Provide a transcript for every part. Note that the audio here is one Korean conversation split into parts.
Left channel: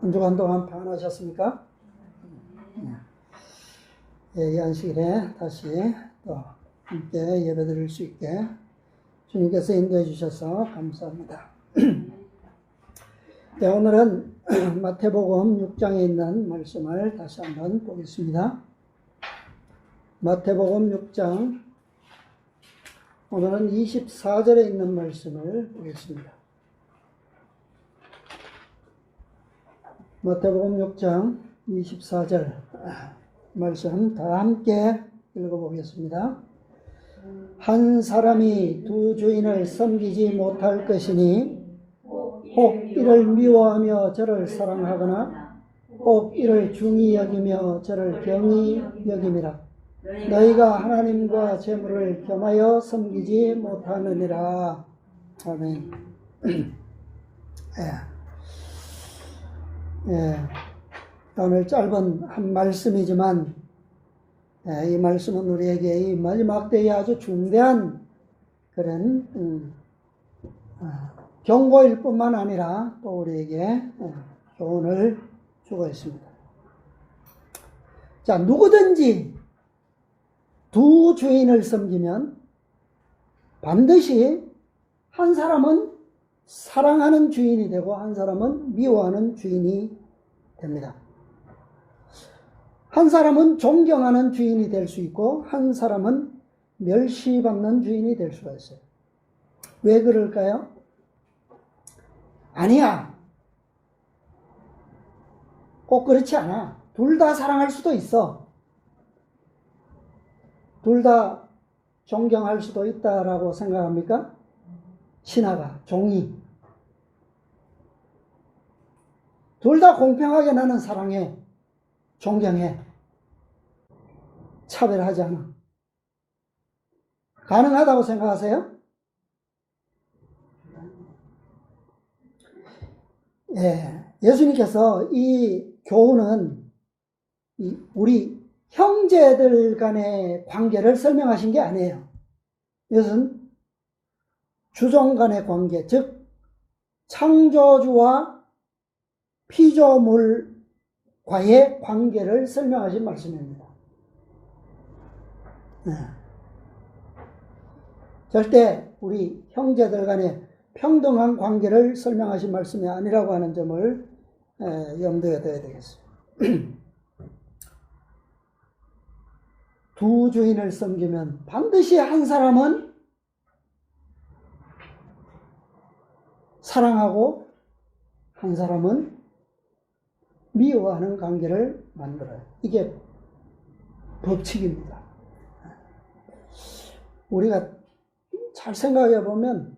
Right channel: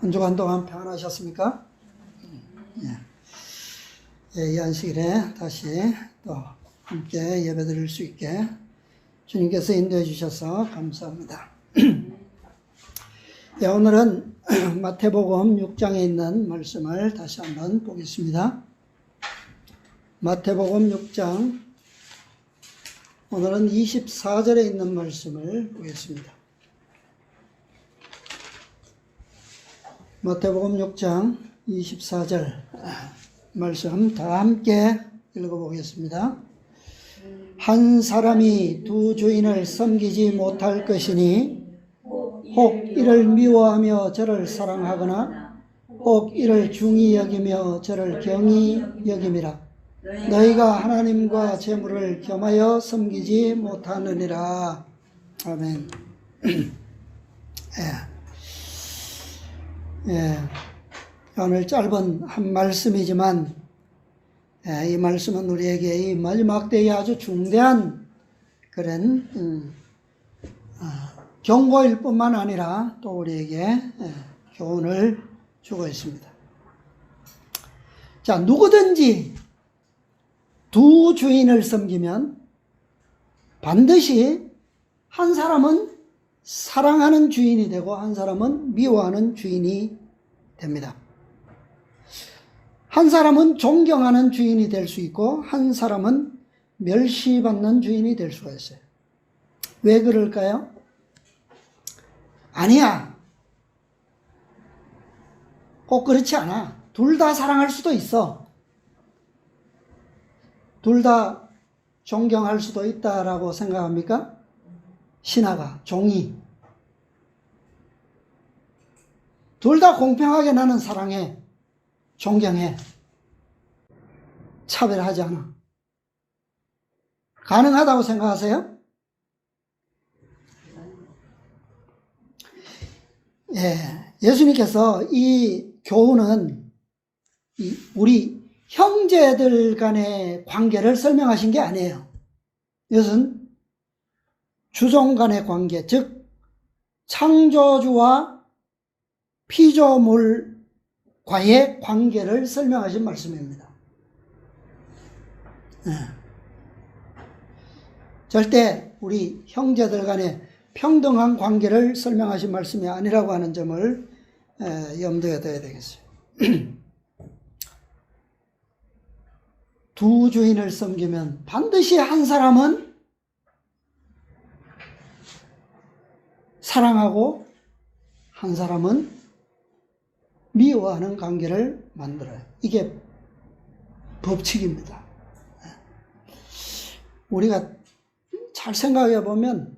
한 주간 동안 평안하셨습니까? 이 안식일에 다시 또 함께 예배드릴 수 있게 주님께서 인도해 주셔서 감사합니다. 오늘은 마태복음 6장에 있는 말씀을 다시 한번 보겠습니다. 마태복음 6장, 오늘은 24절에 있는 말씀을 보겠습니다. 마태복음 6장 24절 말씀 다 함께 읽어보겠습니다. 한 사람이 두 주인을 섬기지 못할 것이니 혹 이를 미워하며 저를 사랑하거나 혹 이를 중히 여기며 저를 경히 여김이라. 너희가 하나님과 재물을 겸하여 섬기지 못하느니라. 아멘. 오늘 짧은 한 말씀이지만 이 말씀은 우리에게 이 마지막 때에 아주 중대한 그런 경고일 뿐만 아니라 또 우리에게 교훈을 주고 있습니다. 자, 누구든지 두 주인을 섬기면 반드시 한 사람은 사랑하는 주인이 되고 한 사람은 미워하는 주인이 됩니다. 한 사람은 존경하는 주인이 될 수 있고 한 사람은 멸시받는 주인이 될 수가 있어요. 왜 그럴까요? 아니야. 꼭 그렇지 않아. 둘 다 사랑할 수도 있어. 둘 다 존경할 수도 있다라고 생각합니까? 신하가, 종이. 둘 다 공평하게 나는 사랑해, 존경해, 차별하지 않아. 가능하다고 생각하세요? 예수님께서 이 교훈은 우리 형제들 간의 관계를 설명하신 게 아니에요. 이것은 주종 간의 관계, 즉 창조주와 피조물과의 관계를 설명하신 말씀입니다. 절대 우리 형제들 간의 평등한 관계를 설명하신 말씀이 아니라고 하는 점을 염두에 둬야 되겠어요. 두 주인을 섬기면 반드시 한 사람은 사랑하고 한 사람은 미워하는 관계를 만들어요. 이게 법칙입니다. 우리가 잘 생각해 보면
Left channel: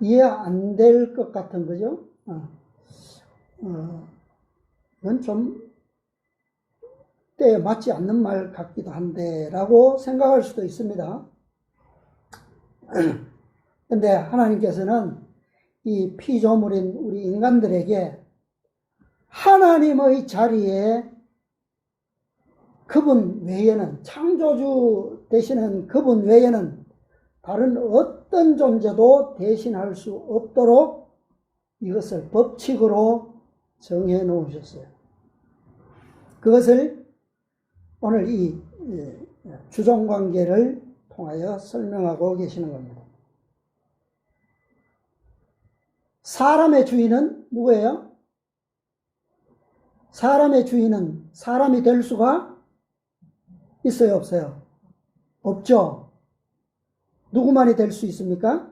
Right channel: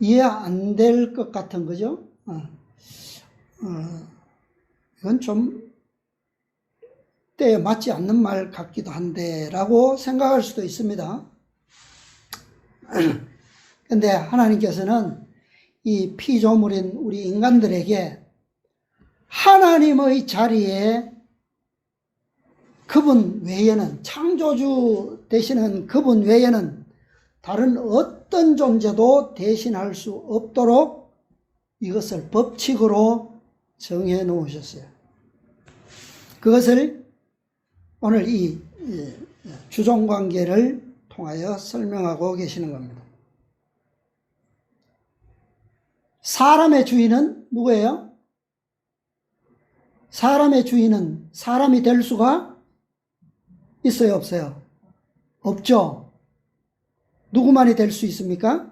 이해 안 될 것 같은 거죠. 이건 좀 때에 맞지 않는 말 같기도 한데 라고 생각할 수도 있습니다. 그런데 하나님께서는 이 피조물인 우리 인간들에게 하나님의 자리에 그분 외에는, 창조주 되시는 그분 외에는 다른 어떤 존재도 대신할 수 없도록 이것을 법칙으로 정해 놓으셨어요. 그것을 오늘 이 주종관계를 통하여 설명하고 계시는 겁니다. 사람의 주인은 누구예요? 사람의 주인은 사람이 될 수가 있어요, 없어요? 없죠. 누구만이 될 수 있습니까?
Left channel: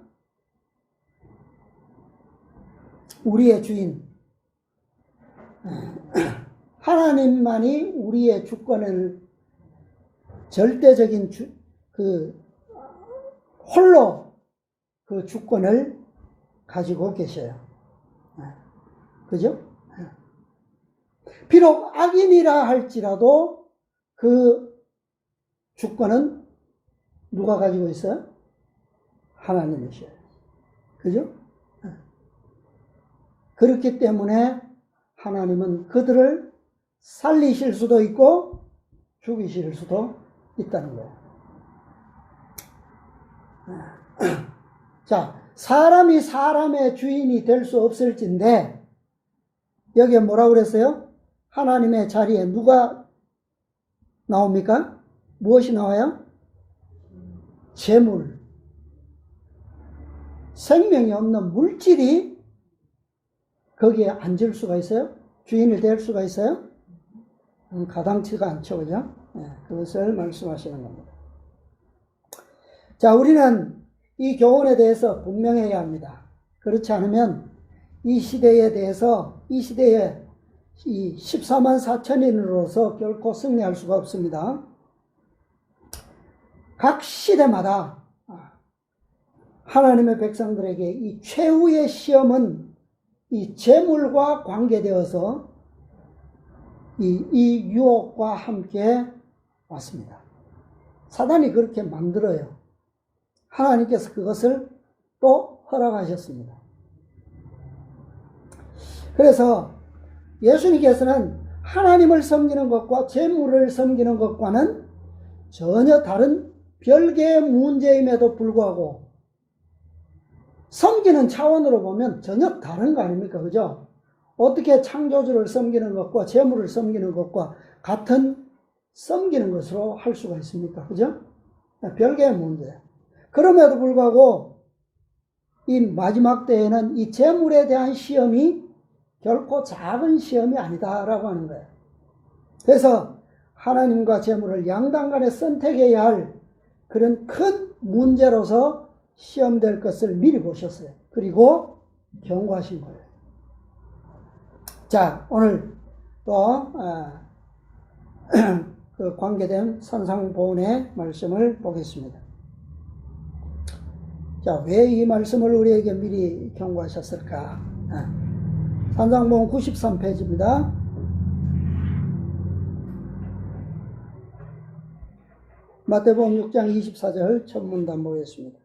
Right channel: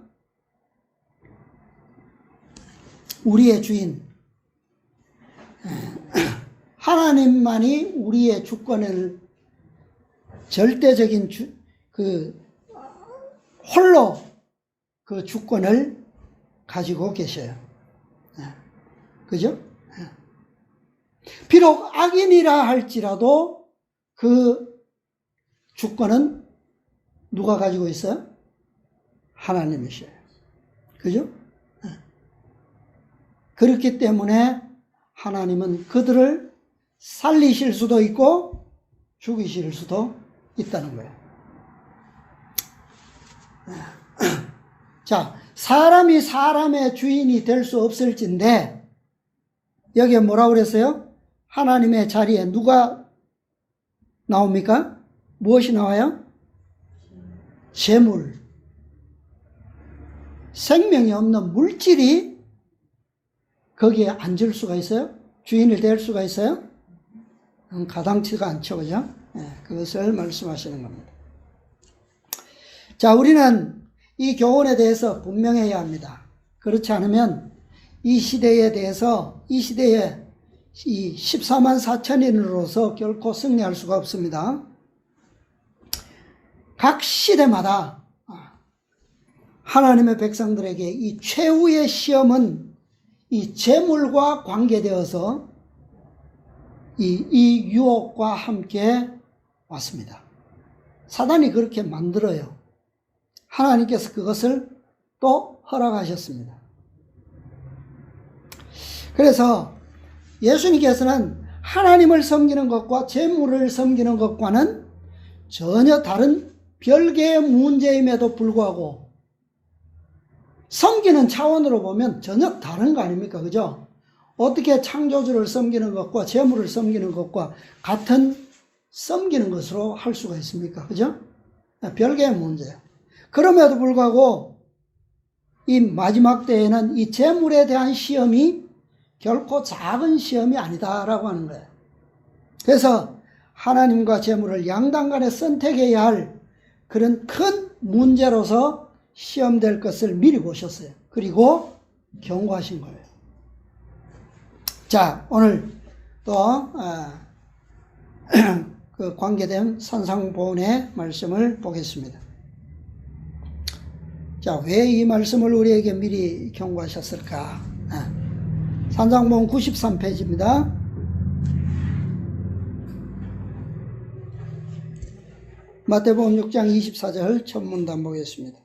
우리의 주인. 하나님만이 우리의 주권을 절대적인 홀로 그 주권을 가지고 계셔요. 그죠? 비록 악인이라 할지라도 그 주권은 누가 가지고 있어요? 하나님이셔요. 그죠? 그렇기 때문에 하나님은 그들을 살리실 수도 있고 죽이실 수도 있다는 거예요. 자, 사람이 사람의 주인이 될 수 없을진데 여기에 뭐라고 그랬어요? 하나님의 자리에 누가 나옵니까? 무엇이 나와요? 재물. 생명이 없는 물질이 거기에 앉을 수가 있어요? 주인이 될 수가 있어요? 가당치가 않죠, 그죠? 그것을 말씀하시는 겁니다. 자, 우리는 이 교훈에 대해서 분명해야 합니다. 그렇지 않으면 이 시대에 대해서, 이 시대에 이 14만 4천인으로서 결코 승리할 수가 없습니다. 각 시대마다 하나님의 백성들에게 이 최후의 시험은 이 재물과 관계되어서 이 유혹과 함께 왔습니다. 사단이 그렇게 만들어요. 하나님께서 그것을 또 허락하셨습니다. 그래서 예수님께서는 하나님을 섬기는 것과 재물을 섬기는 것과는 전혀 다른 별개의 문제임에도 불구하고 섬기는 차원으로 보면 전혀 다른 거 아닙니까? 그죠? 어떻게 창조주를 섬기는 것과 재물을 섬기는 것과 같은 섬기는 것으로 할 수가 있습니까? 그죠? 별개의 문제. 그럼에도 불구하고 이 마지막 때에는 이 재물에 대한 시험이 결코 작은 시험이 아니다라고 하는 거예요. 그래서 하나님과 재물을 양당간에 선택해야 할 그런 큰 문제로서 시험될 것을 미리 보셨어요. 그리고 경고하신 거예요. 자, 오늘 또 그 관계된 산상보훈의 말씀을 보겠습니다. 자, 왜 이 말씀을 우리에게 미리 경고하셨을까? 산상보훈 93페이지입니다. 마태복음 6장 24절 첫 문단 보겠습니다.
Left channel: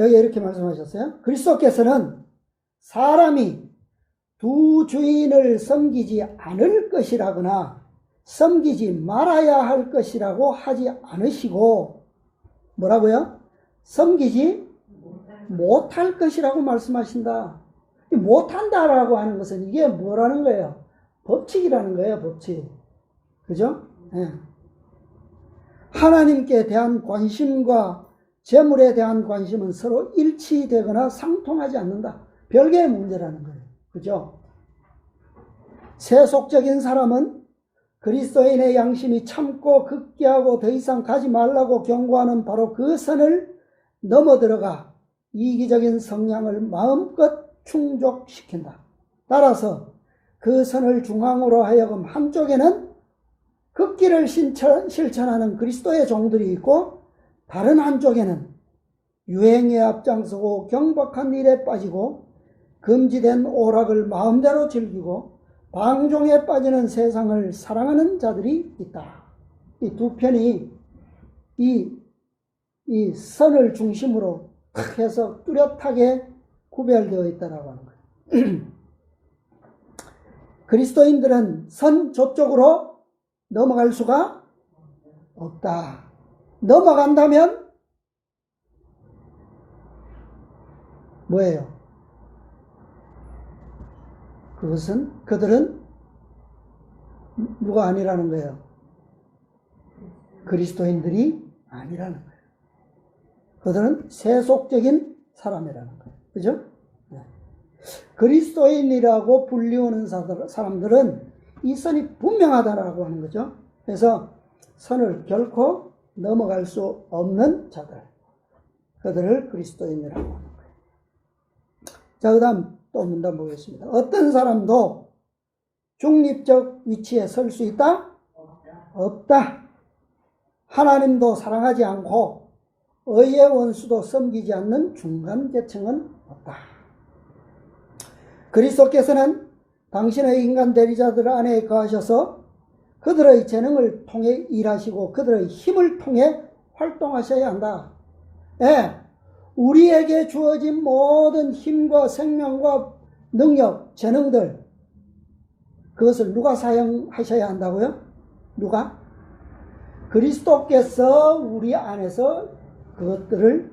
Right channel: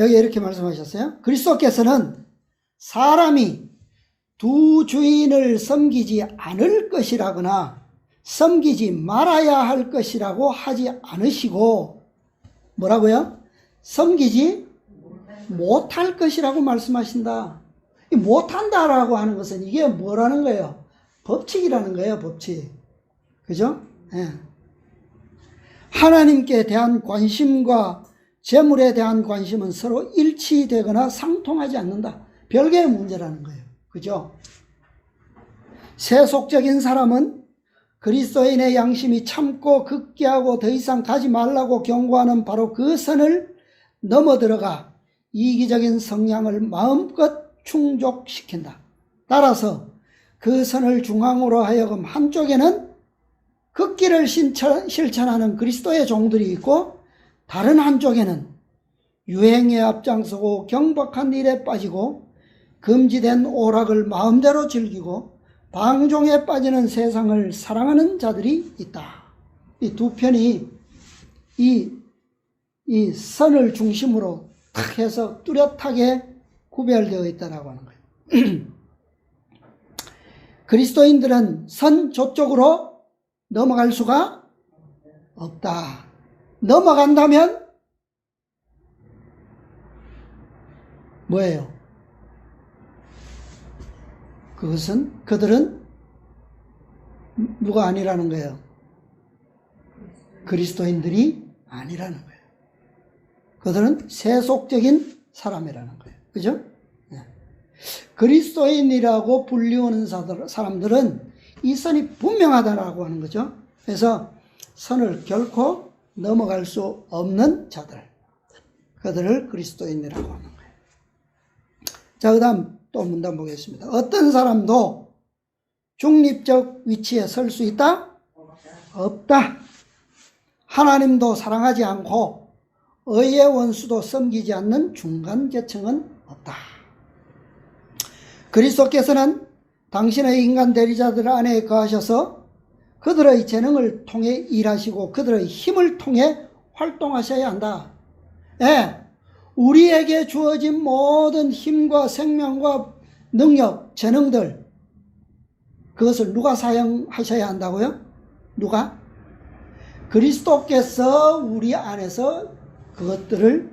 여기 이렇게 말씀하셨어요. 그리스도께서는 사람이 두 주인을 섬기지 않을 것이라거나 섬기지 말아야 할 것이라고 하지 않으시고 뭐라고요? 섬기지 못할 것이라고 말씀하신다. 이 못한다라고 하는 것은 이게 뭐라는 거예요? 법칙이라는 거예요. 법칙. 그죠? 예. 하나님께 대한 관심과 재물에 대한 관심은 서로 일치되거나 상통하지 않는다. 별개의 문제라는 거예요. 그죠? 세속적인 사람은 그리스도인의 양심이 참고 극기하고 더 이상 가지 말라고 경고하는 바로 그 선을 넘어들어가 이기적인 성향을 마음껏 충족시킨다. 따라서 그 선을 중앙으로 하여금 한쪽에는 극기를 실천하는 그리스도의 종들이 있고 다른 한쪽에는 유행에 앞장서고 경박한 일에 빠지고 금지된 오락을 마음대로 즐기고 방종에 빠지는 세상을 사랑하는 자들이 있다. 이 두 편이 이 선을 중심으로 탁 해서 뚜렷하게 구별되어 있다라고 하는 거예요. 그리스도인들은 선 저쪽으로 넘어갈 수가 없다. 넘어간다면 뭐예요? 그들은 누가 아니라는 거예요? 그리스도인들이 아니라는 거예요. 그들은 세속적인 사람이라는 거예요. 그죠? 네. 그리스도인이라고 불리우는 사람들은 이 선이 분명하다라고 하는 거죠. 그래서 선을 결코 넘어갈 수 없는 자들, 그들을 그리스도인이라고 하는 거예요. 자, 그 다음 또 문단 보겠습니다. 어떤 사람도 중립적 위치에 설 수 있다? 없다. 하나님도 사랑하지 않고 의의 원수도 섬기지 않는 중간 계층은 없다. 그리스도께서는 당신의 인간 대리자들 안에 거하셔서 그들의 재능을 통해 일하시고 그들의 힘을 통해 활동하셔야 한다. 예, 우리에게 주어진 모든 힘과 생명과 능력, 재능들 그것을 누가 사용하셔야 한다고요? 누가? 그리스도께서 우리 안에서 그것들을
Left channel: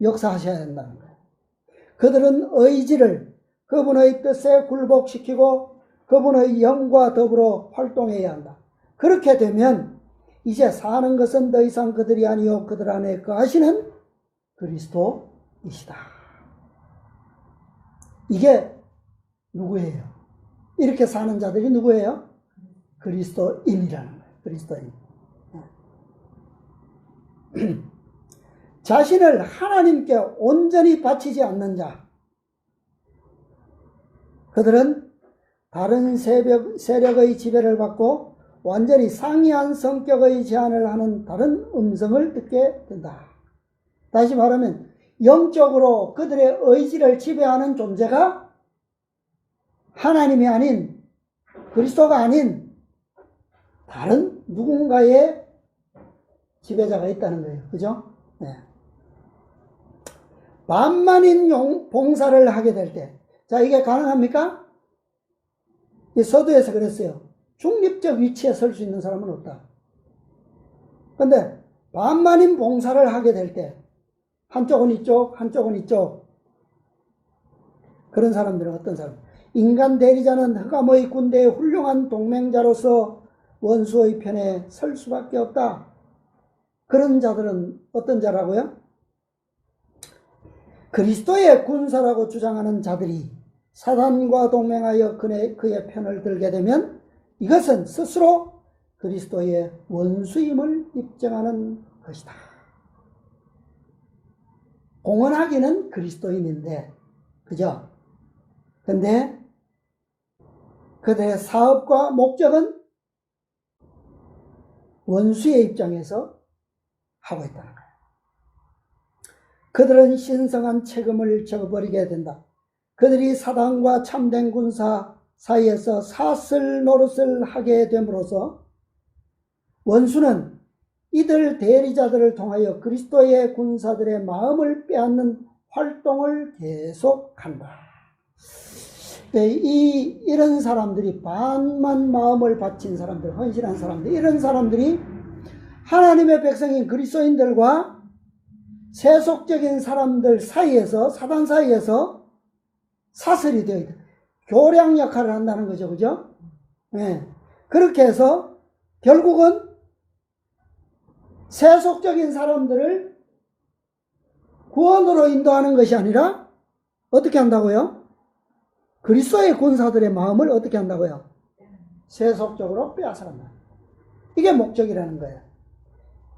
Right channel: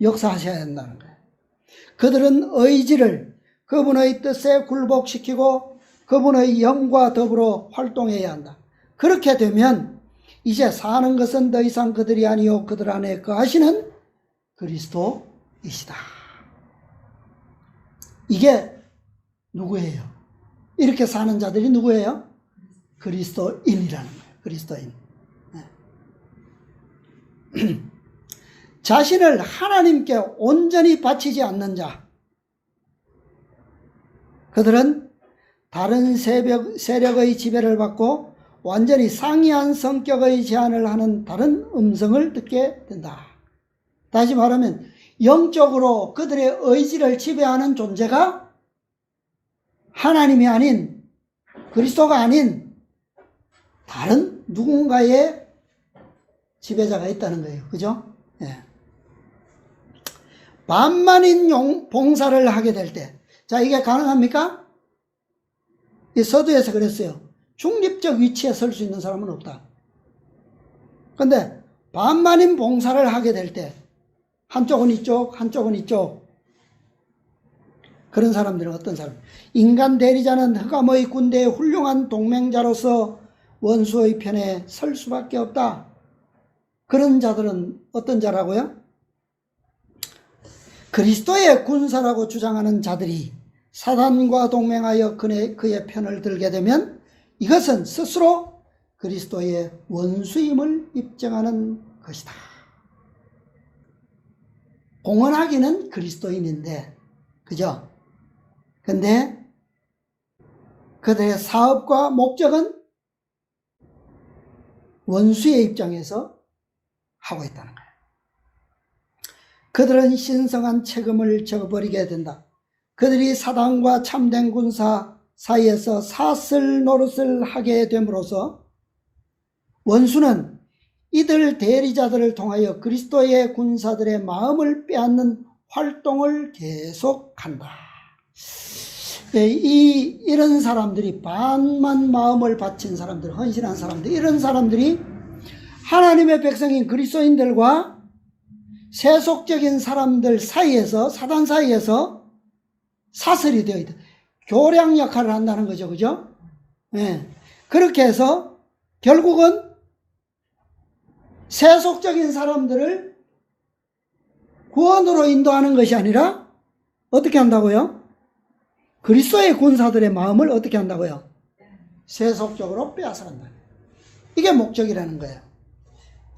역사하셔야 한다는 거예요. 그들은 의지를 그분의 뜻에 굴복시키고 그분의 영과 더불어 활동해야 한다. 그렇게 되면 이제 사는 것은 더 이상 그들이 아니요 그들 안에 거하시는 그리스도이시다. 이게 누구예요? 이렇게 사는 자들이 누구예요? 그리스도인이라는 거예요. 그리스도인. 네. 자신을 하나님께 온전히 바치지 않는 자, 그들은 다른 세력의 지배를 받고 완전히 상이한 성격의 제한을 하는 다른 음성을 듣게 된다. 다시 말하면 영적으로 그들의 의지를 지배하는 존재가 하나님이 아닌, 그리스도가 아닌 다른 누군가의 지배자가 있다는 거예요. 그죠? 예. 만만인 봉사를 하게 될 때, 자, 이게 가능합니까? 이 서두에서 그랬어요. 중립적 위치에 설 수 있는 사람은 없다. 근데 반만인 봉사를 하게 될 때, 한쪽은 이쪽, 한쪽은 이쪽. 그런 사람들은 어떤 사람? 인간 대리자는 흑암의 군대의 훌륭한 동맹자로서 원수의 편에 설 수밖에 없다. 그런 자들은 어떤 자라고요? 그리스도의 군사라고 주장하는 자들이 사단과 동맹하여 그의 편을 들게 되면 이것은 스스로 그리스도의 원수임을 입증하는 것이다. 공언하기는 그리스도인인데, 그죠? 근데 그들의 사업과 목적은 원수의 입장에서 하고 있다는 거예요. 그들은 신성한 책임을 져버리게 된다. 그들이 사단과 참된 군사 사이에서 사슬 노릇을 하게 됨으로써 원수는 이들 대리자들을 통하여 그리스도의 군사들의 마음을 빼앗는 활동을 계속한다. 이런 사람들이 반만 마음을 바친 사람들, 헌신한 사람들, 이런 사람들이 하나님의 백성인 그리스도인들과 세속적인 사람들 사이에서, 사단 사이에서 사슬이 되어 있다. 교량 역할을 한다는 거죠. 그죠? 네. 그렇게 해서 결국은 세속적인 사람들을 구원으로 인도하는 것이 아니라 어떻게 한다고요? 그리스도의 군사들의 마음을 어떻게 한다고요? 세속적으로 빼앗아간다. 이게 목적이라는 거예요.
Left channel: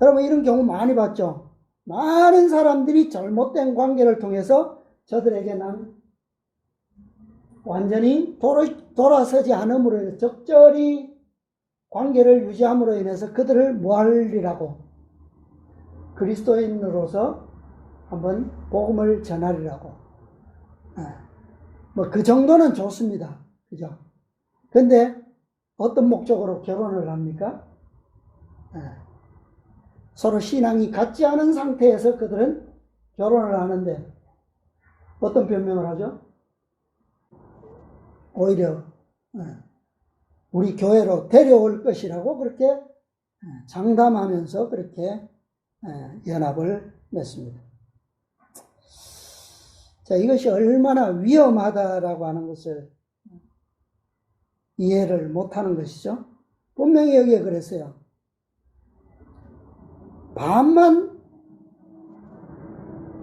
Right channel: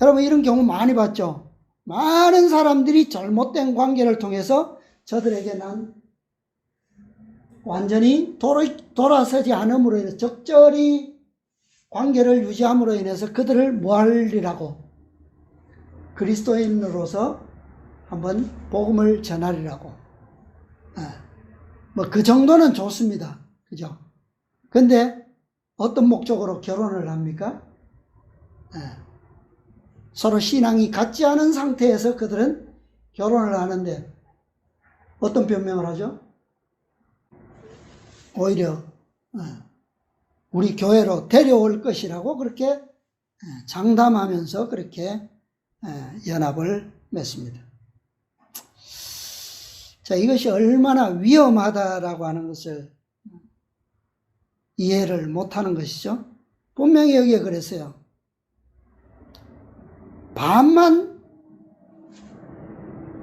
여러분 이런 경우 많이 봤죠? 많은 사람들이 잘못된 관계를 통해서 저들에게 난 완전히 돌아서지 않음으로 인해서 적절히 관계를 유지함으로 인해서 그들을 모하리라고, 그리스도인으로서 한번 복음을 전하리라고. 뭐 그 정도는 좋습니다. 그죠? 근데 어떤 목적으로 결혼을 합니까? 서로 신앙이 같지 않은 상태에서 그들은 결혼을 하는데 어떤 변명을 하죠? 오히려 우리 교회로 데려올 것이라고 그렇게 장담하면서 그렇게 연합을 맺습니다. 자, 이것이 얼마나 위험하다라고 하는 것을 이해를 못하는 것이죠. 분명히 여기에 그랬어요. 반만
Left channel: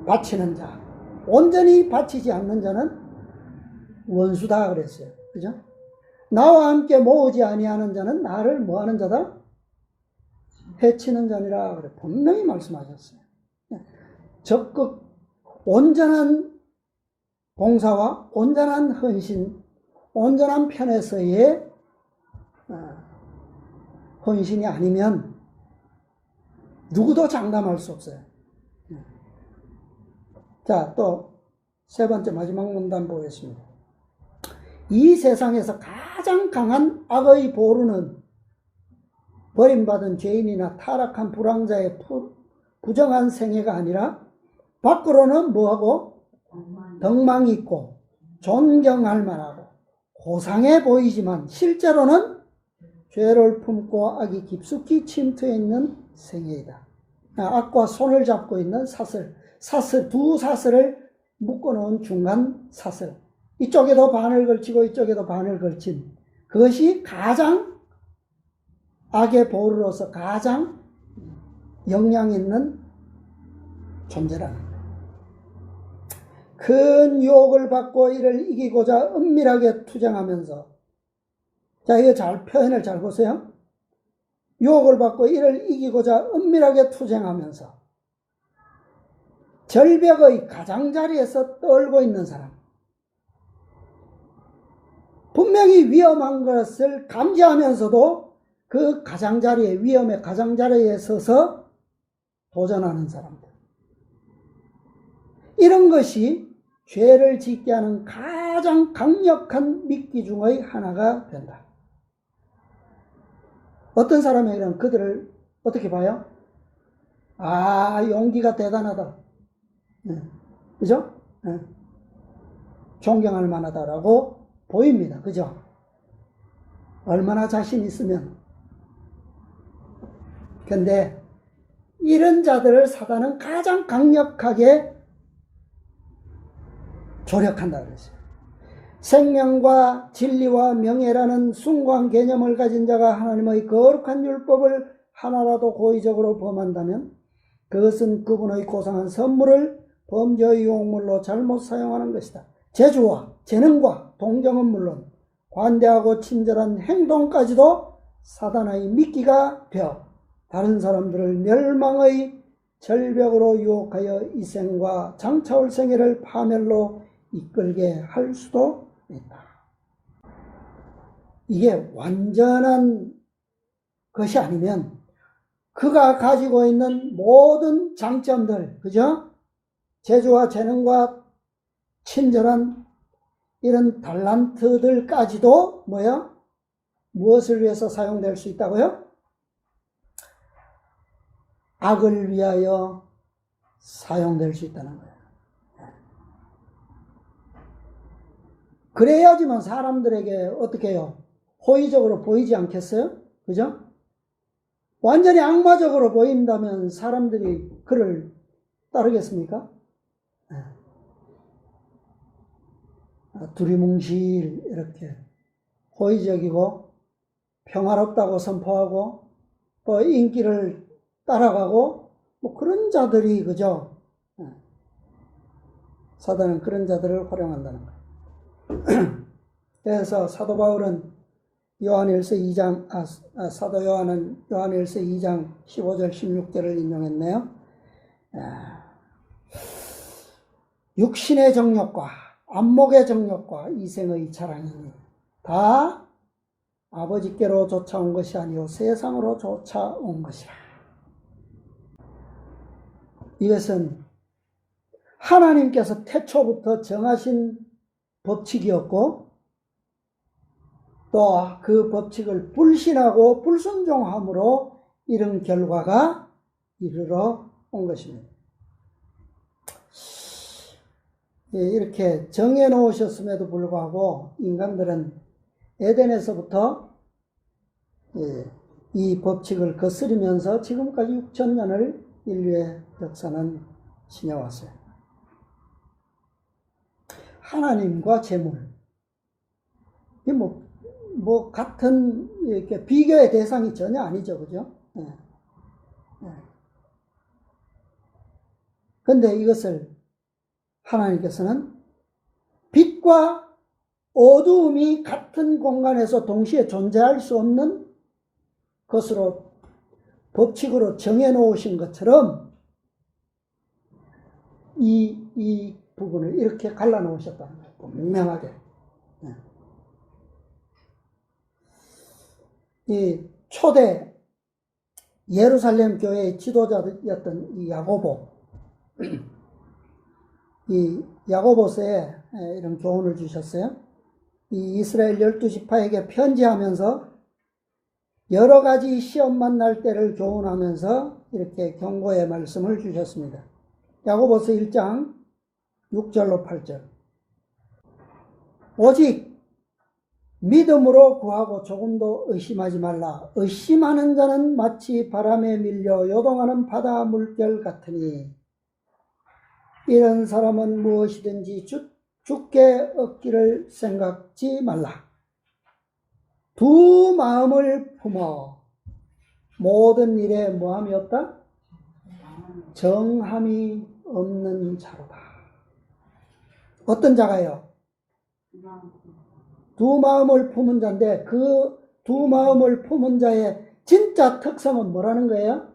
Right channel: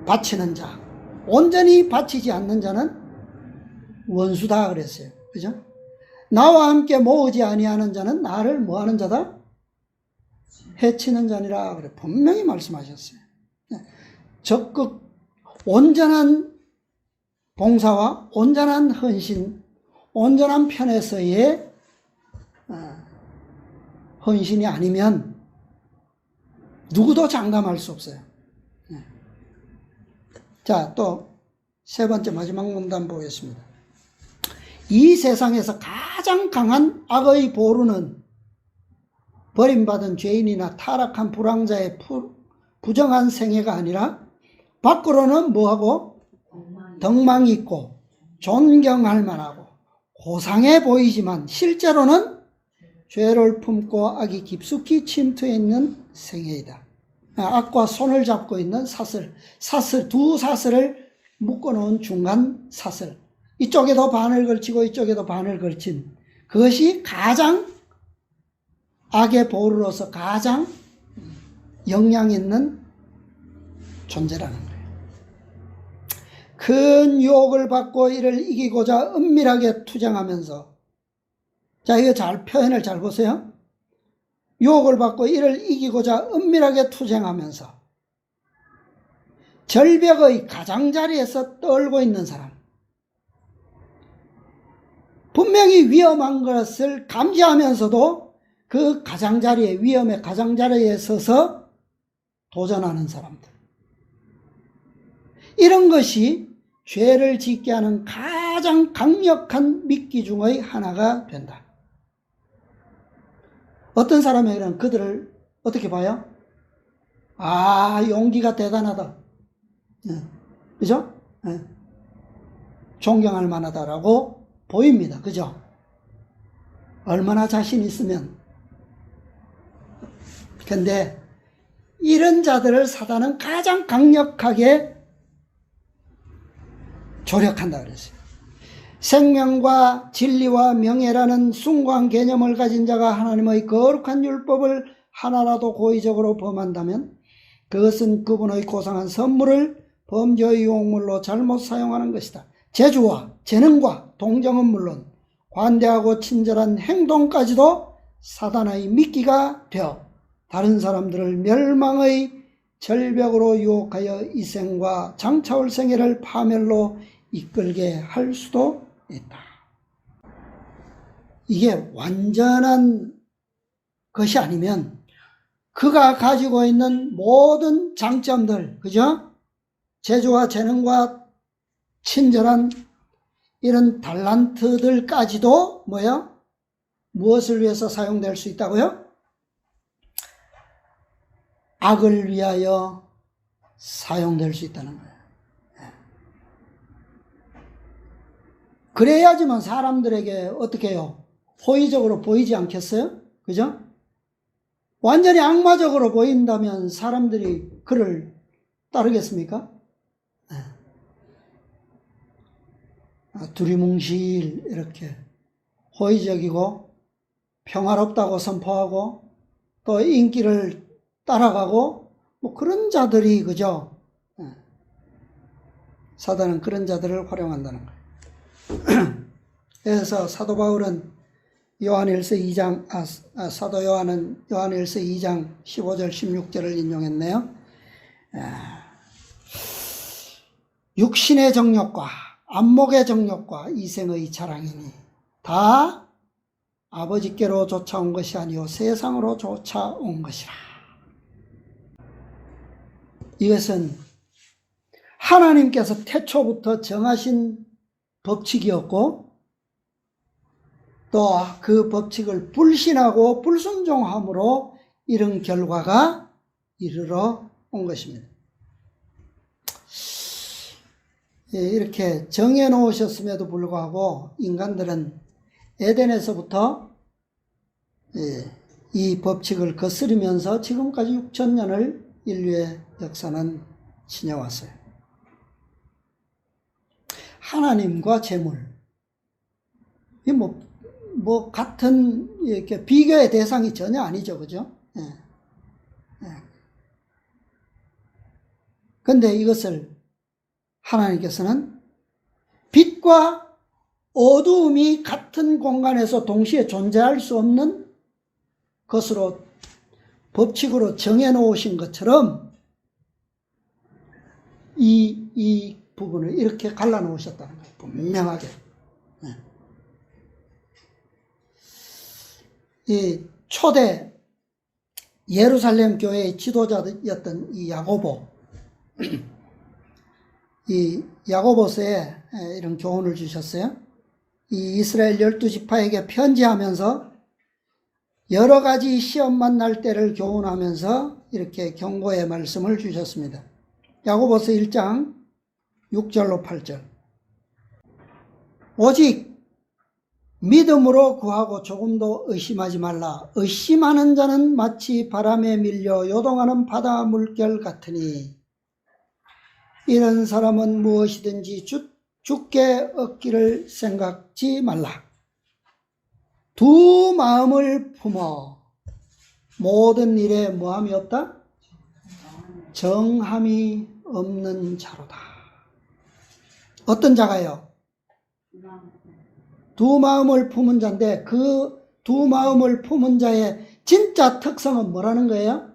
바치는 자, 온전히 바치지 않는 자는 원수다 그랬어요. 그죠? 나와 함께 모으지 아니하는 자는 나를 뭐하는 자다? 해치는 자니라 그래 분명히 말씀하셨어요. 적극 온전한 봉사와 온전한 헌신, 온전한 편에서의 헌신이 아니면 누구도 장담할 수 없어요. 자, 또 세 번째 마지막 문단 보겠습니다. 이 세상에서 가장 강한 악의 보루는 버림받은 죄인이나 타락한 불황자의 부정한 생애가 아니라 밖으로는 뭐하고? 덕망이 있고 존경할 만하고 고상해 보이지만 실제로는 죄를 품고 악이 깊숙이 침투해 있는 생애이다. 악과 손을 잡고 있는 사슬 두 사슬을 묶어놓은 중간 사슬, 이쪽에도 반을 걸치고 이쪽에도 반을 걸친 그것이 가장 악의 보루로서 가장 영향 있는 존재라는 거예요. 큰 유혹을 받고 이를 이기고자 은밀하게 투쟁하면서, 자, 이거 표현을 잘 보세요. 유혹을 받고 이를 이기고자 은밀하게 투쟁하면서 절벽의 가장자리에서 떨고 있는 사람, 분명히 위험한 것을 감지하면서도 그 가장자리에, 위험의 가장자리에 서서 도전하는 사람들, 이런 것이 죄를 짓게 하는 가장 강력한 미끼 중의 하나가 된다. 어떤 사람에게는 그들을 어떻게 봐요? 아, 용기가 대단하다. 그죠? 존경할 만하다라고 보입니다. 그죠? 얼마나 자신 있으면. 근데 이런 자들을 사단은 가장 강력하게 조력한다 그랬어요. 생명과 진리와 명예라는 숭고한 개념을 가진 자가 하나님의 거룩한 율법을 하나라도 고의적으로 범한다면 그것은 그분의 고상한 선물을 범죄의 유혹물로 잘못 사용하는 것이다. 재주와 재능과 동정은 물론 관대하고 친절한 행동까지도 사단의 미끼가 되어 다른 사람들을 멸망의 절벽으로 유혹하여 이 생과 장차올 생애를 파멸로 이끌게 할 수도 있다. 이게 완전한 것이 아니면 그가 가지고 있는 모든 장점들, 그죠? 재주와 재능과 친절한 이런 달란트들까지도 뭐야? 무엇을 위해서 사용될 수 있다고요? 악을 위하여 사용될 수 있다는 거예요. 그래야지만 사람들에게 어떻게 해요? 호의적으로 보이지 않겠어요? 그죠? 완전히 악마적으로 보인다면 사람들이 그를 따르겠습니까? 두리뭉실 이렇게 호의적이고 평화롭다고 선포하고 또 인기를 따라가고 뭐 그런 자들이, 그죠? 사단은 그런 자들을 활용한다는 거예요. 그래서 사도 바울은 요한일서 2장, 사도 요한은 요한일서 2장 15절 16절을 인용했네요. 육신의 정욕과 안목의 정욕과 이생의 자랑이니 다 아버지께로 쫓아온 것이 아니요 세상으로 쫓아온 것이라. 이것은 하나님께서 태초부터 정하신 법칙이었고 또 그 법칙을 불신하고 불순종함으로 이런 결과가 이르러 온 것입니다. 이렇게 정해 놓으셨음에도 불구하고 인간들은 에덴에서부터 이 법칙을 거스르면서 지금까지 6,000년을 인류의 역사는 지녀왔어요. 하나님과 재물, 뭐 같은 이렇게 비교의 대상이 전혀 아니죠, 그죠? 그런데 이것을 하나님께서는 빛과 어두움이 같은 공간에서 동시에 존재할 수 없는 것으로 법칙으로 정해 놓으신 것처럼 이 부분을 이렇게 갈라 놓으셨다는 거예요. 분명하게. 이 초대 예루살렘 교회의 지도자였던 이 야고보, 이 야고보서에 이런 교훈을 주셨어요. 이 이스라엘 12지파에게 편지하면서 여러 가지 시험 만날 때를 교훈하면서 이렇게 경고의 말씀을 주셨습니다. 야고보서 1장 6절로 8절. 오직 믿음으로 구하고 조금도 의심하지 말라. 의심하는 자는 마치 바람에 밀려 요동하는 바다 물결 같으니 이런 사람은 무엇이든지 죽게 얻기를 생각지 말라. 두 마음을 품어 모든 일에 뭐함이 없다? 정함이 없는 자로다. 어떤 자가요? 두 마음을 품은 자인데 그 두 마음을 품은 자의 진짜 특성은 뭐라는 거예요?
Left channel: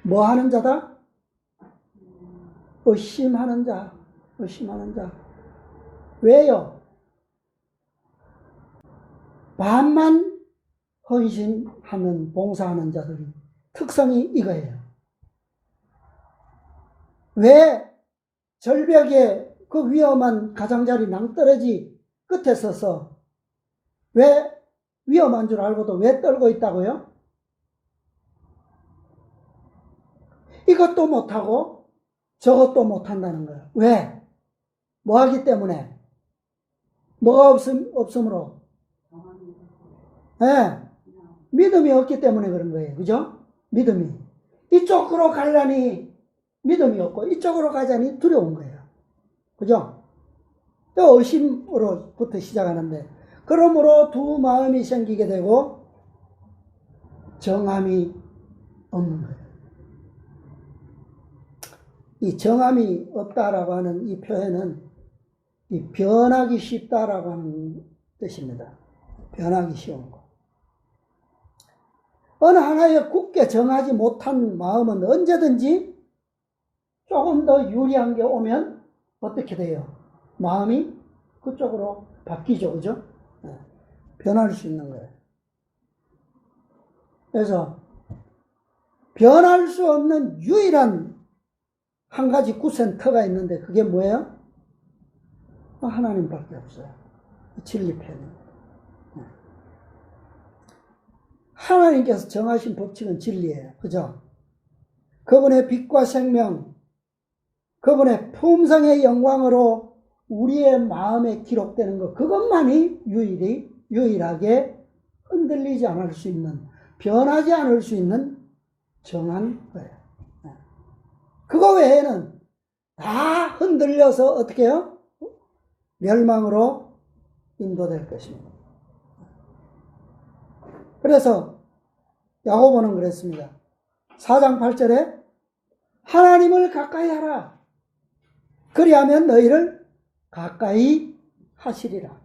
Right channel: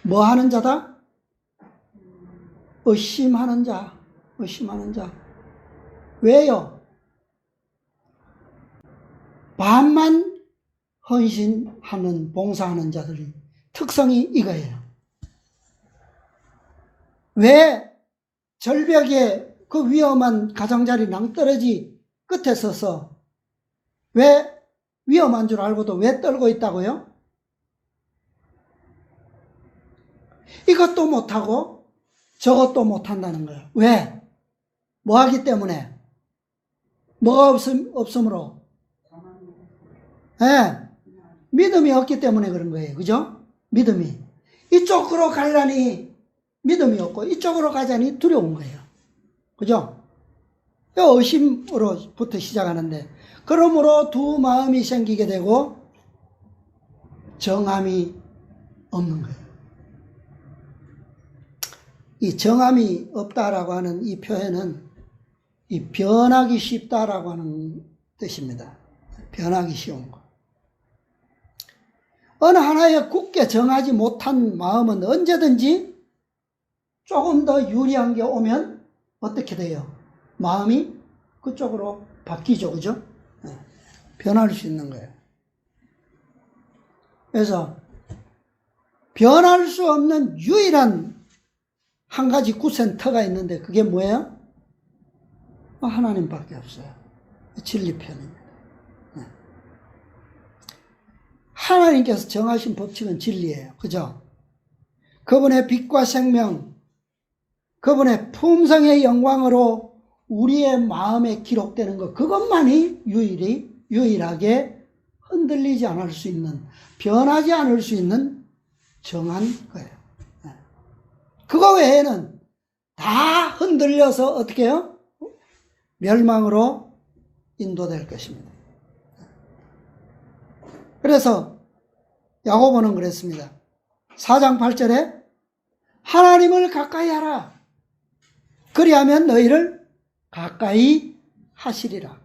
뭐 하는 자다? 의심하는 자. 의심하는 자. 왜요? 반만 헌신하는 봉사하는 자들이 특성이 이거예요. 왜 절벽에 그 위험한 가장자리 낭떠러지 끝에 서서 왜 위험한 줄 알고도 왜 떨고 있다고요? 이것도 못하고 저것도 못한다는 거예요. 왜? 뭐 하기 때문에? 뭐가 없으므로? 네, 믿음이 없기 때문에 그런 거예요. 그죠? 믿음이. 이쪽으로 가려니 믿음이 없고 이쪽으로 가자니 두려운 거예요. 그죠? 의심으로부터 시작하는데 그러므로 두 마음이 생기게 되고 정함이 없는 거예요. 이 정함이 없다라고 하는 이 표현은 이 변하기 쉽다라고 하는 뜻입니다. 변하기 쉬운 거. 어느 하나에 굳게 정하지 못한 마음은 언제든지 조금 더 유리한 게 오면 어떻게 돼요? 마음이 그쪽으로 바뀌죠. 그죠? 네. 변할 수 있는 거예요. 그래서 변할 수 없는 유일한 한 가지 구센터가 있는데 그게 뭐예요? 하나님밖에 없어요. 진리편입니다. 네. 하나님께서 정하신 법칙은 진리예요. 그죠? 그분의 빛과 생명, 그분의 품성의 영광으로 우리의 마음에 기록되는 것, 그것만이 유일하게 흔들리지 않을 수 있는, 변하지 않을 수 있는 정한 거예요. 그거 외에는 다 흔들려서 어떻게 해요? 멸망으로 인도될 것입니다. 그래서 야고보는 그랬습니다. 4장 8절에 하나님을 가까이 하라. 그리하면 너희를 가까이 하시리라.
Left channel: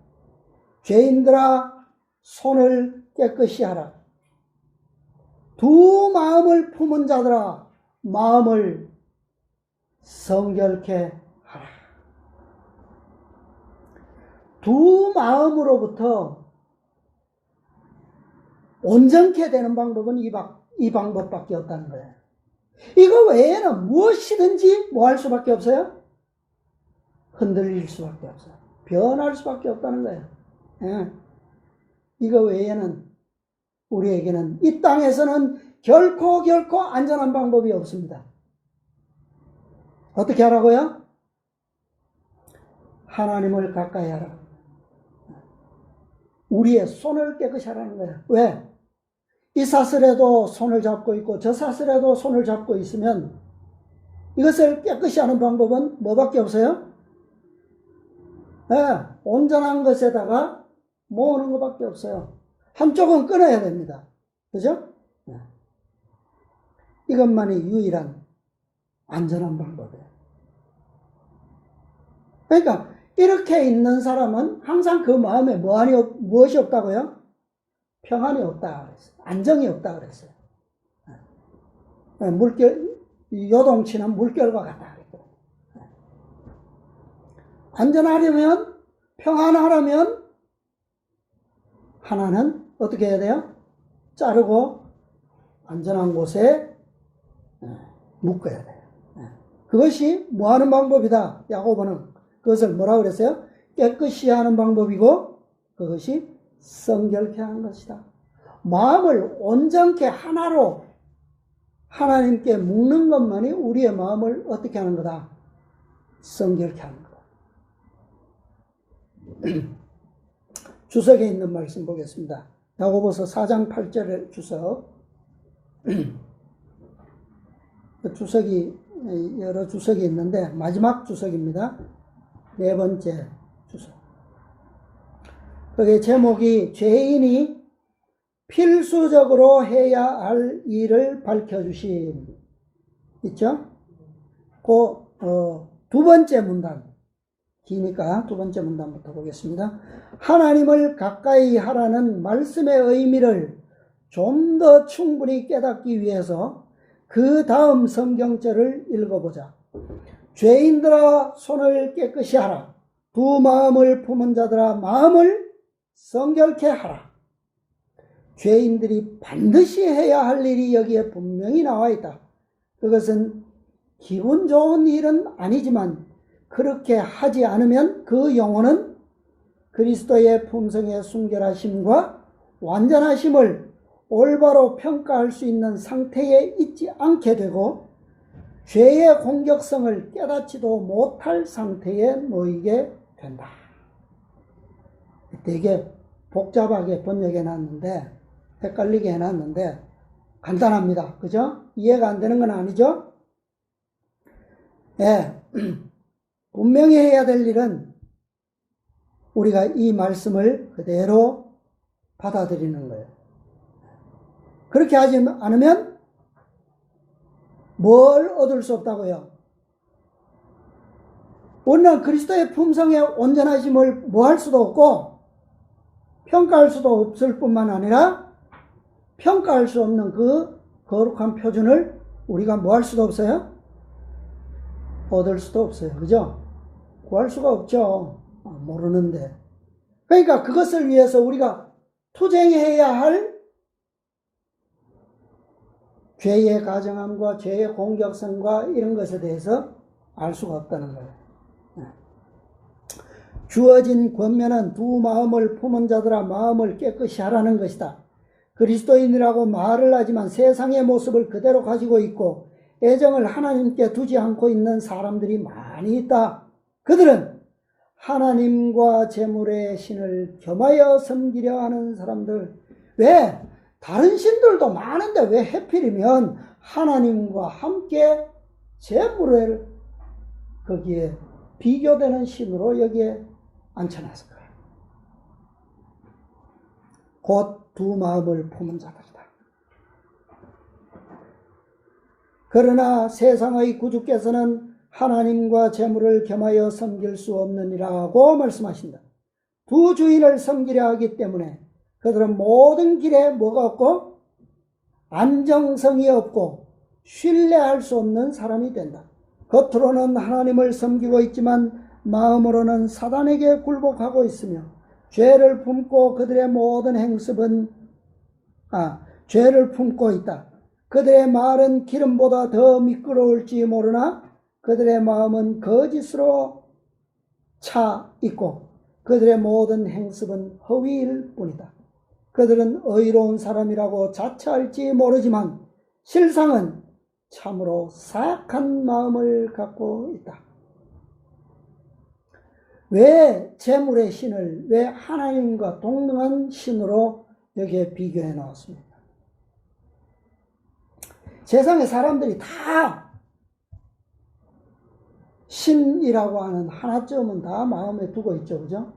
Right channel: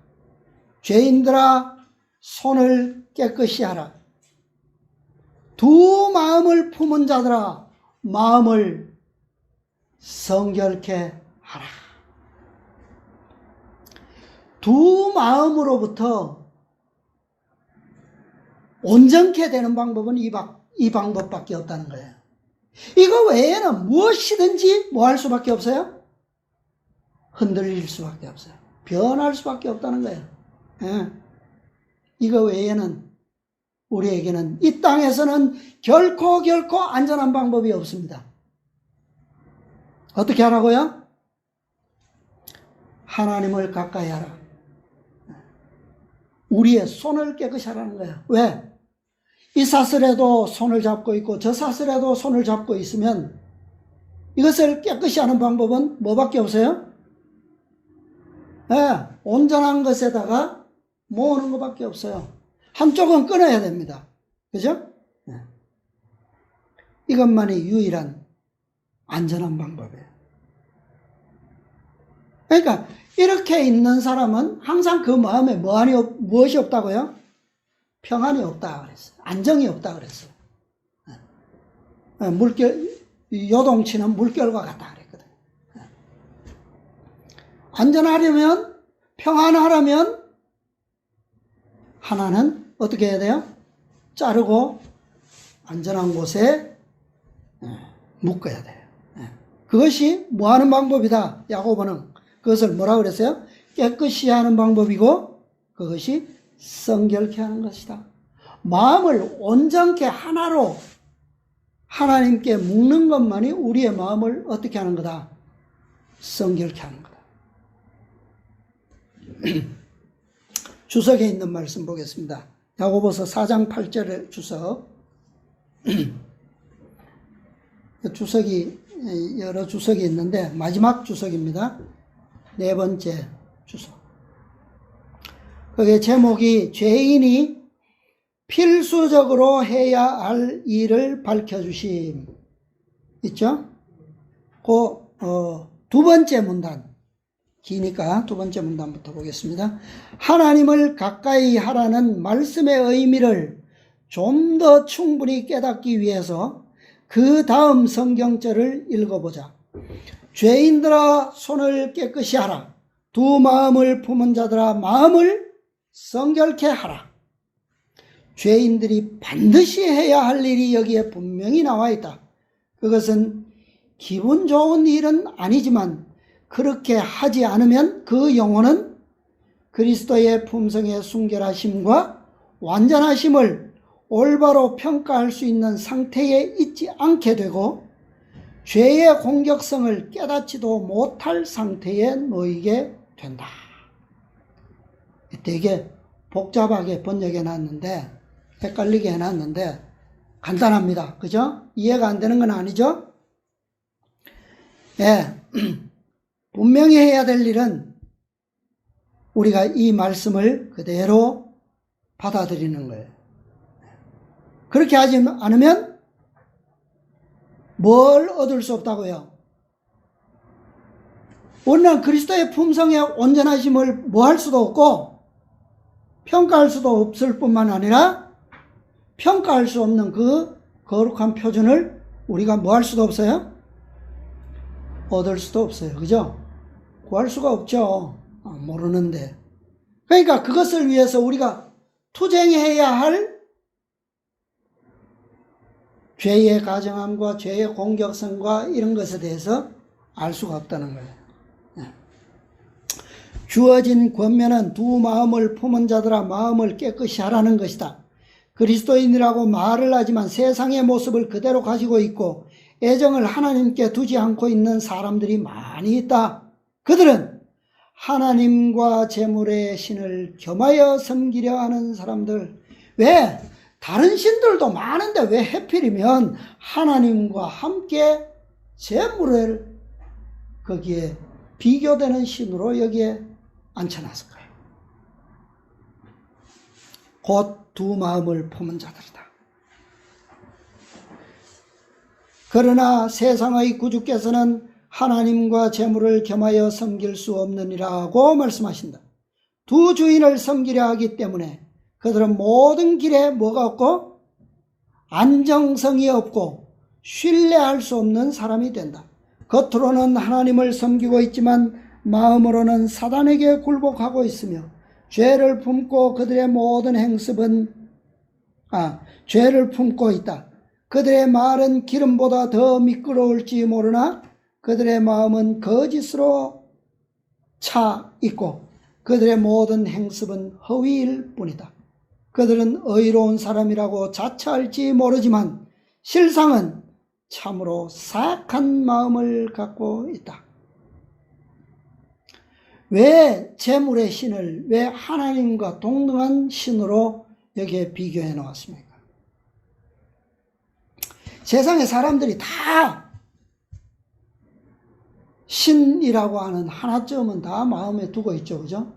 죄인들아 손을 깨끗이 하라. 두 마음을 품은 자들아 마음을 성결케 하라. 두 마음으로부터 온전케 되는 방법은 이 방법밖에 없다는 거예요. 이거 외에는 무엇이든지 뭐 할 수밖에 없어요? 흔들릴 수밖에 없어요. 변할 수밖에 없다는 거예요. 예. 이거 외에는 우리에게는 이 땅에서는 결코 안전한 방법이 없습니다. 어떻게 하라고요? 하나님을 가까이 하라. 우리의 손을 깨끗이 하라는 거예요. 왜? 이 사슬에도 손을 잡고 있고 저 사슬에도 손을 잡고 있으면 이것을 깨끗이 하는 방법은 뭐밖에 없어요? 네, 온전한 것에다가 모으는 것밖에 없어요. 한쪽은 끊어야 됩니다. 그죠? 네. 이것만이 유일한 안전한 방법이에요. 그러니까 이렇게 있는 사람은 항상 그 마음에 무엇이 없다고요? 평안이 없다 그랬어요. 안정이 없다 그랬어요. 요동치는 물결과 같다 그랬거든요. 안전하려면, 평안하려면 하나는 어떻게 해야 돼요? 자르고 안전한 곳에 묶어야 돼요. 그것이 뭐 하는 방법이다. 야고보는 그것을 뭐라고 그랬어요? 깨끗이 하는 방법이고 그것이 성결케 하는 것이다. 마음을 온전케 하나로 하나님께 묶는 것만이 우리의 마음을 어떻게 하는 거다? 성결케 하는 거다. 주석에 있는 말씀 보겠습니다. 야고보서 4장 8절의 주석. 주석이 여러 주석이 있는데 마지막 주석입니다. 네 번째 주석. 그게 제목이 죄인이 필수적으로 해야 할 일을 밝혀주심. 있죠? 두 번째 문단. 기니까 두 번째 문단부터 보겠습니다. 하나님을 가까이 하라는 말씀의 의미를 좀 더 충분히 깨닫기 위해서 그 다음 성경절을 읽어보자. 죄인들아 손을 깨끗이 하라. 두 마음을 품은 자들아 마음을 성결케 하라. 죄인들이 반드시 해야 할 일이 여기에 분명히 나와 있다. 그것은 기분 좋은 일은 아니지만 그렇게 하지 않으면 그 영혼은 그리스도의 품성의 순결하심과 완전하심을 올바로 평가할 수 있는 상태에 있지 않게 되고 죄의 공격성을 깨닫지도 못할 상태에 놓이게 된다. 되게 복잡하게 번역해 놨는데 헷갈리게 해놨는데 간단합니다. 그죠? 이해가 안 되는 건 아니죠? 예. 분명히 해야 될 일은 우리가 이 말씀을 그대로 받아들이는 거예요. 그렇게 하지 않으면 뭘 얻을 수 없다고요? 우리는 그리스도의 품성의 온전하심을 뭐 할 수도 없고 평가할 수도 없을 뿐만 아니라 평가할 수 없는 그 거룩한 표준을 우리가 뭐 할 수도 없어요? 얻을 수도 없어요. 그죠? 구할 수가 없죠. 모르는데. 그러니까 그것을 위해서 우리가 투쟁해야 할 죄의 가정함과 죄의 공격성과 이런 것에 대해서 알 수가 없다는 거예요. 주어진 권면은 두 마음을 품은 자들아 마음을 깨끗이 하라는 것이다. 그리스도인이라고 말을 하지만 세상의 모습을 그대로 가지고 있고 애정을 하나님께 두지 않고 있는 사람들이 많이 있다. 그들은 하나님과 재물의 신을 겸하여 섬기려 하는 사람들. 왜? 다른 신들도 많은데 왜 하필이면 하나님과 함께 재물을 거기에 비교되는 신으로 여기에 앉혀놨을 거예요. 곧 두 마음을 품은 자들이다. 그러나 세상의 구주께서는 하나님과 재물을 겸하여 섬길 수 없느니라고 말씀하신다. 두 주인을 섬기려 하기 때문에 그들은 모든 길에 뭐가 없고 안정성이 없고 신뢰할 수 없는 사람이 된다. 겉으로는 하나님을 섬기고 있지만 마음으로는 사단에게 굴복하고 있으며 죄를 품고 그들의 모든 행습은 죄를 품고 있다. 그들의 말은 기름보다 더 미끄러울지 모르나 그들의 마음은 거짓으로 차 있고 그들의 모든 행습은 허위일 뿐이다. 그들은 의로운 사람이라고 자처할지 모르지만 실상은 참으로 사악한 마음을 갖고 있다. 왜 재물의 신을 왜 하나님과 동등한 신으로 여기에 비교해 놓았습니까? 세상의 사람들이 다 신이라고 하는 하나쯤은 다 마음에 두고 있죠. 그죠?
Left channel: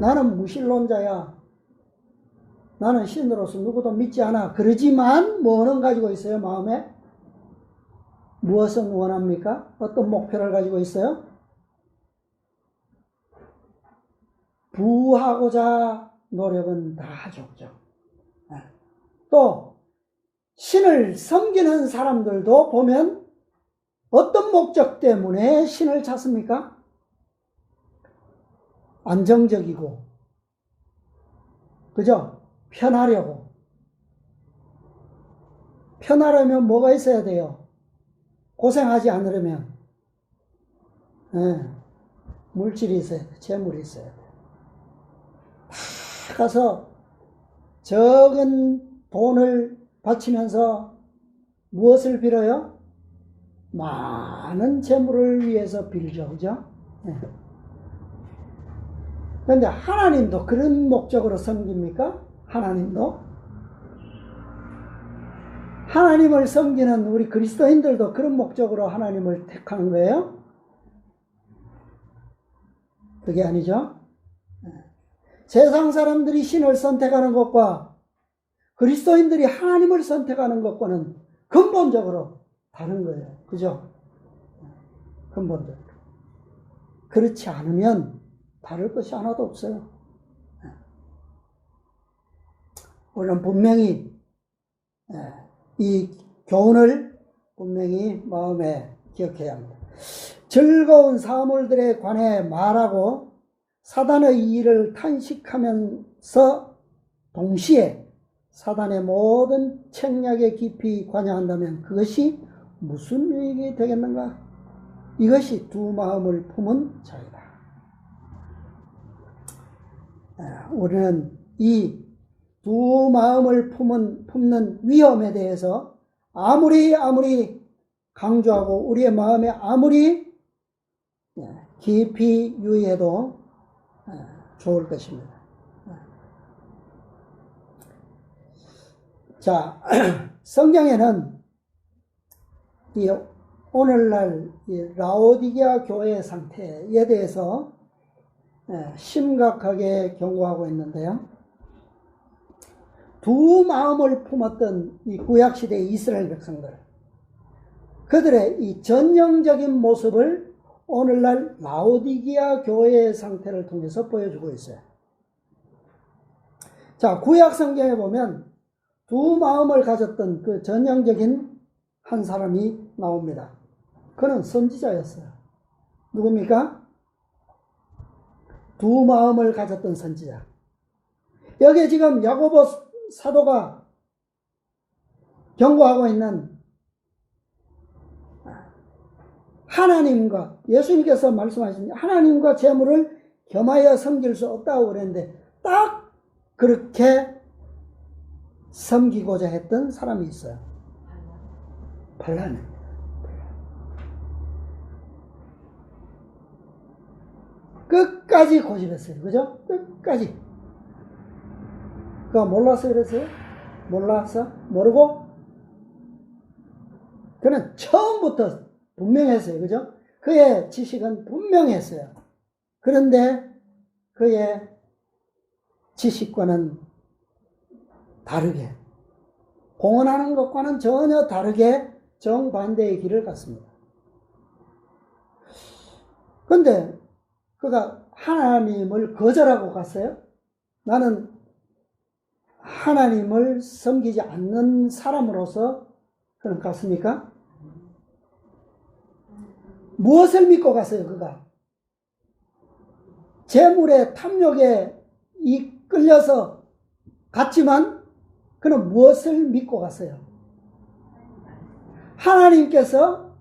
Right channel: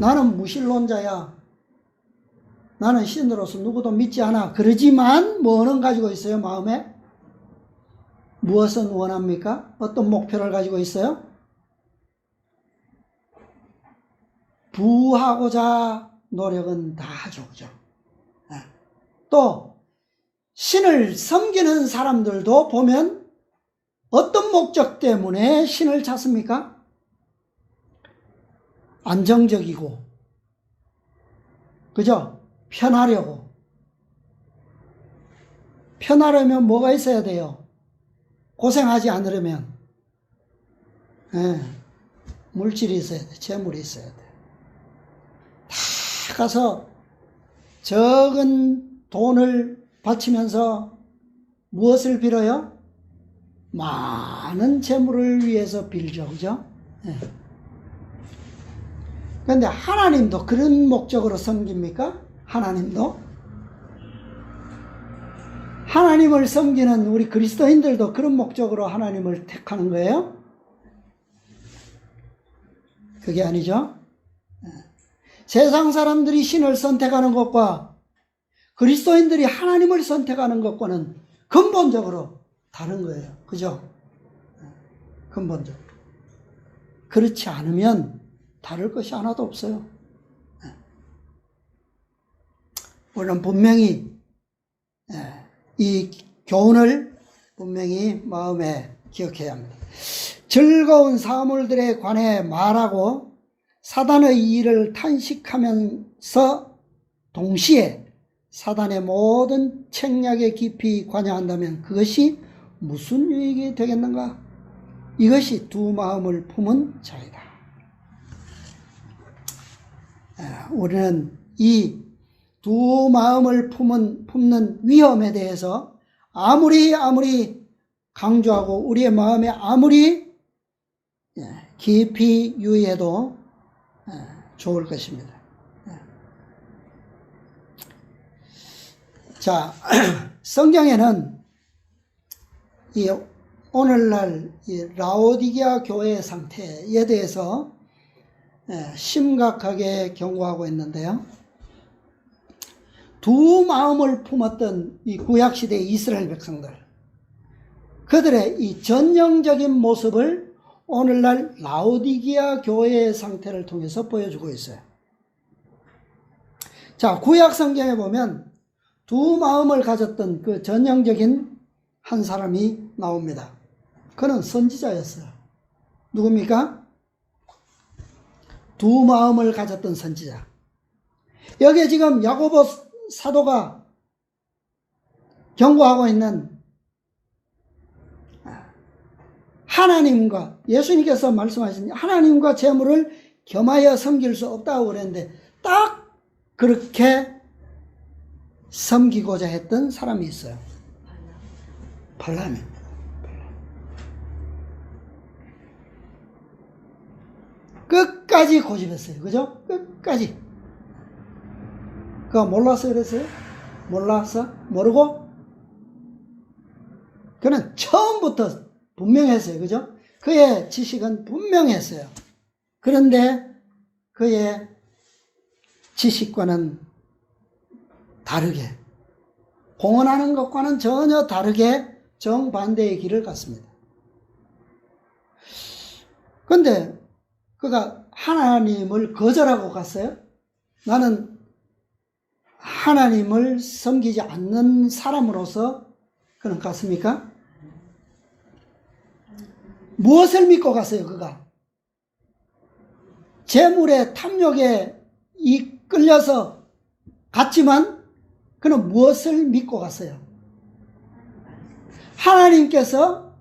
나는 무신론자야. 나는 신으로서 누구도 믿지 않아. 그러지만 뭐는 가지고 있어요? 마음에? 무엇은 원합니까? 어떤 목표를 가지고 있어요? 부하고자 노력은 다 하죠. 그죠? 또 신을 섬기는 사람들도 보면 어떤 목적 때문에 신을 찾습니까? 안정적이고, 그죠? 편하려고. 편하려면 뭐가 있어야 돼요? 고생하지 않으려면 물질이 있어야 돼. 재물이 있어야 돼. 다 가서 적은 돈을 바치면서 무엇을 빌어요? 많은 재물을 위해서 빌죠. 그죠? 그런데 하나님도 그런 목적으로 섬깁니까? 하나님도? 하나님을 섬기는 우리 그리스도인들도 그런 목적으로 하나님을 택하는 거예요? 그게 아니죠. 세상 사람들이 신을 선택하는 것과 그리스도인들이 하나님을 선택하는 것과는 근본적으로 다른 거예요. 그죠? 근본적으로. 그렇지 않으면 다를 것이 하나도 없어요. 우리는 분명히 이 교훈을 분명히 마음에 기억해야 합니다. 즐거운 사물들에 관해 말하고 사단의 일을 탄식하면서 동시에 사단의 모든 책략에 깊이 관여한다면 그것이 무슨 유익이 되겠는가? 이것이 두 마음을 품은 자이다. 우리는 이 두 마음을 품는 위험에 대해서 아무리 강조하고 우리의 마음에 아무리 깊이 유의해도 좋을 것입니다. 자, 성경에는 이 오늘날 이 라오디게아 교회의 상태에 대해서 심각하게 경고하고 있는데요. 두 마음을 품었던 이 구약시대의 이스라엘 백성들, 그들의 이 전형적인 모습을 오늘날 라오디게아 교회의 상태를 통해서 보여주고 있어요. 자, 구약 성경에 보면 두 마음을 가졌던 그 전형적인 한 사람이 나옵니다. 그는 선지자였어요. 누굽니까? 두 마음을 가졌던 선지자. 여기에 지금 야고보 사도가 경고하고 있는 하나님과, 예수님께서 말씀하신 하나님과 재물을 겸하여 섬길 수 없다고 그랬는데 딱 그렇게 섬기고자 했던 사람이 있어요. 발람입니다. 끝까지 고집했어요. 그죠? 끝까지. 그거 몰랐어요? 그랬어요? 몰랐어? 모르고? 그는 처음부터 분명했어요. 그죠? 그의 지식은 분명했어요. 그런데 그의 지식과는 다르게, 공언하는 것과는 전혀 다르게 정반대의 길을 갔습니다. 그런데 그가 하나님을 거절하고 갔어요? 나는 하나님을 섬기지 않는 사람으로서 그는 갔습니까? 무엇을 믿고 갔어요, 그가? 재물의 탐욕에 이끌려서 갔지만 그는 무엇을 믿고 갔어요? 하나님께서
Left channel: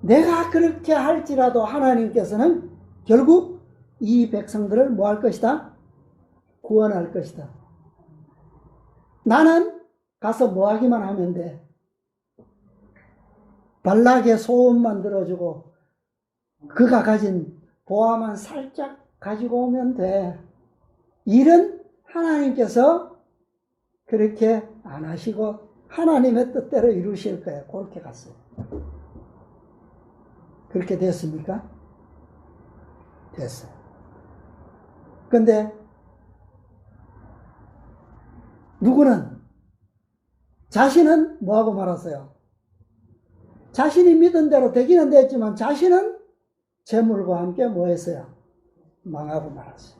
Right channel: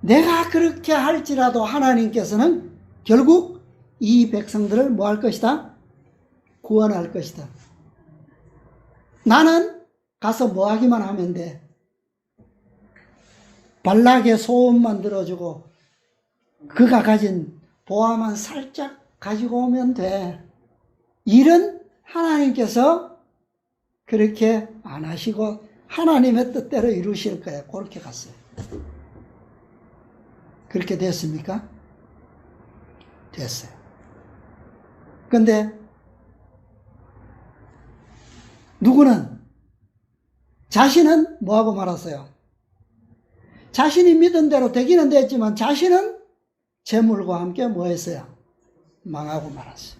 내가 그렇게 할지라도 하나님께서는 결국 이 백성들을 뭐 할 것이다? 구원할 것이다. 나는 가서 뭐 하기만 하면 돼. 발락의 소원만 들어주고 그가 가진 보화만 살짝 가지고 오면 돼. 일은 하나님께서 그렇게 안 하시고 하나님의 뜻대로 이루실 거예요. 그렇게 갔어요. 그렇게 됐습니까? 됐어요. 근데 누구는 자신은 뭐하고 말았어요? 자신이 믿은 대로 되기는 됐지만 자신은 재물과 함께 뭐 했어요? 망하고 말았어요.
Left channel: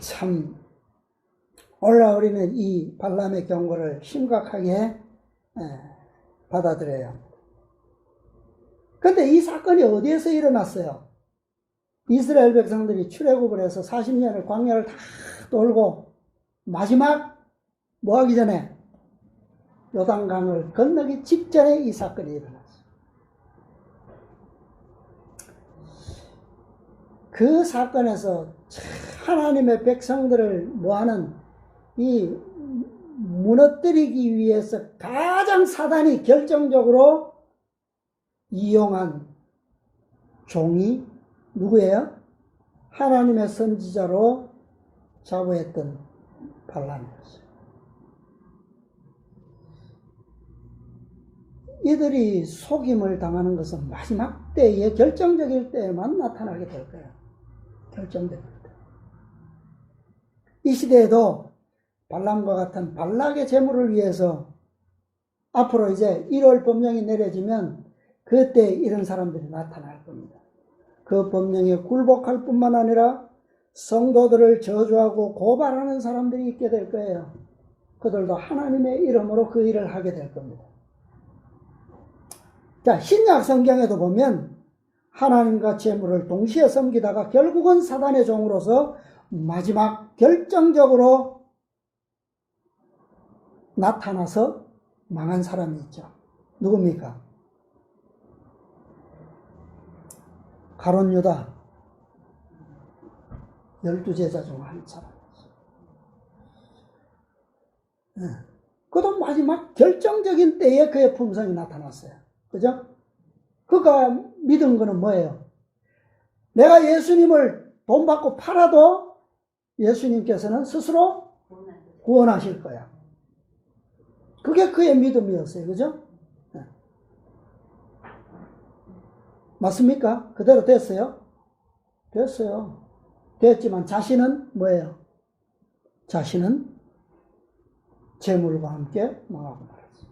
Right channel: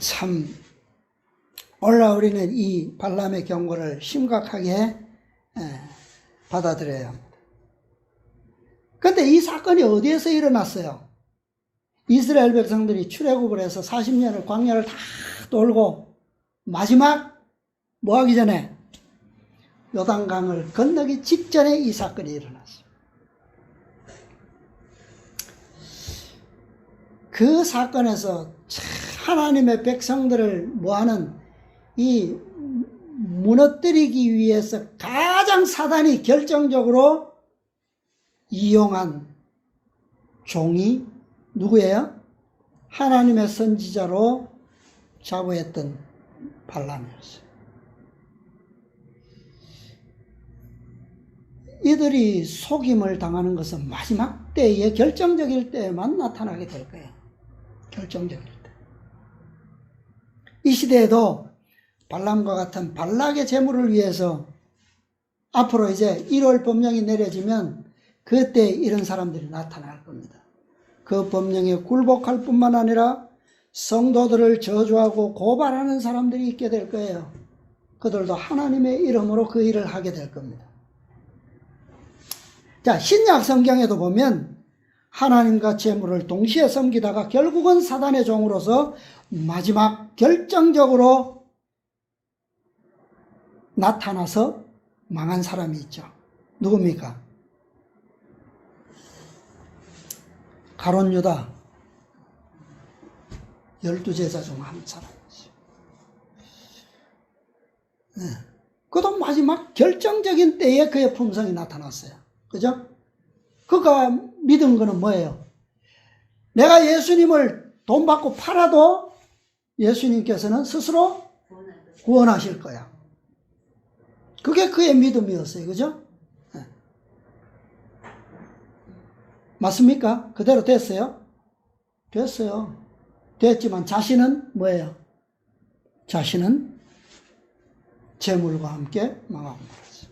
참 오늘 우리는 이 발람의 경고를 심각하게 받아들여요. 근데 이 사건이 어디에서 일어났어요? 이스라엘 백성들이 출애굽을 해서 40년을 광야를 다 돌고 마지막 뭐 하기 전에 요단강을 건너기 직전에 이 사건이 일어났어요. 그 사건에서 하나님의 백성들을 뭐하는 이 무너뜨리기 위해서 가장 사단이 결정적으로 이용한 종이 누구예요? 하나님의 선지자로 자부했던 발람이었어요. 이들이 속임을 당하는 것은 마지막 때에 결정적일 때에만 나타나게 될 거예요. 결정적일 때. 이 시대에도 발람과 같은 발락의 재물을 위해서 앞으로 이제 1월 법령이 내려지면 그때 이런 사람들이 나타날 겁니다. 그 법령에 굴복할 뿐만 아니라 성도들을 저주하고 고발하는 사람들이 있게 될 거예요. 그들도 하나님의 이름으로 그 일을 하게 될 겁니다. 자, 신약 성경에도 보면 하나님과 재물을 동시에 섬기다가 결국은 사단의 종으로서 마지막 결정적으로 나타나서 망한 사람이 있죠. 누굽니까? 가룟 유다 12제자 중 한 사람이죠. 네. 그도 마지막 결정적인 때에 그의 품성이 나타났어요. 그죠? 그가 믿은 거는 뭐예요? 내가 예수님을 돈 받고 팔아도 예수님께서는 스스로 구원하실 거야. 그게 그의 믿음이었어요. 그죠? 네. 맞습니까? 그대로 됐어요? 됐어요. 됐지만 자신은 뭐예요? 자신은 재물과 함께 망하고 말았어요.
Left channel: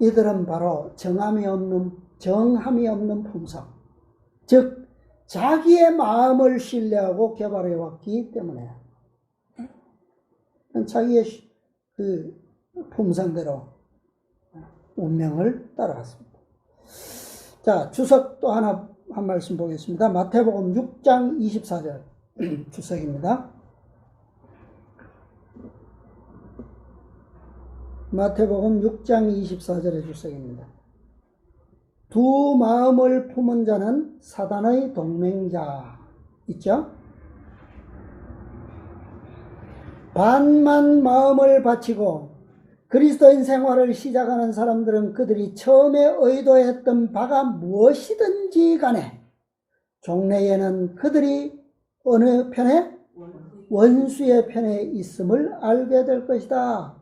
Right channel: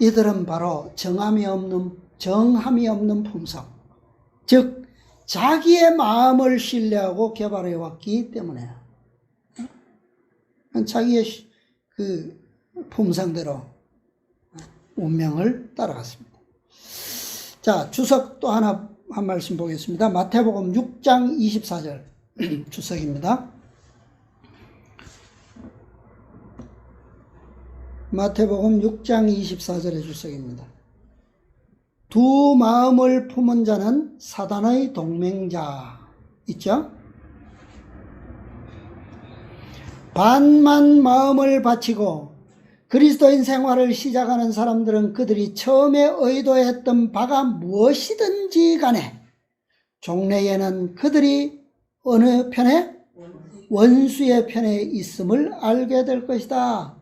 이들은 바로 정함이 없는 품성, 즉 자기의 마음을 신뢰하고 개발해 왔기 때문에요. 자기의 그 품성대로 운명을 따라갔습니다. 자, 주석 또 하나 한 말씀 보겠습니다. 마태복음 6장 24절 주석입니다. 마태복음 6장 24절의 주석입니다. 두 마음을 품은 자는 사단의 동맹자 있죠? 반만 마음을 바치고 그리스도인 생활을 시작하는 사람들은 그들이 처음에 의도했던 바가 무엇이든지 간에 종래에는 그들이 어느 편에? 원수의 편에 있음을 알게 될 것이다.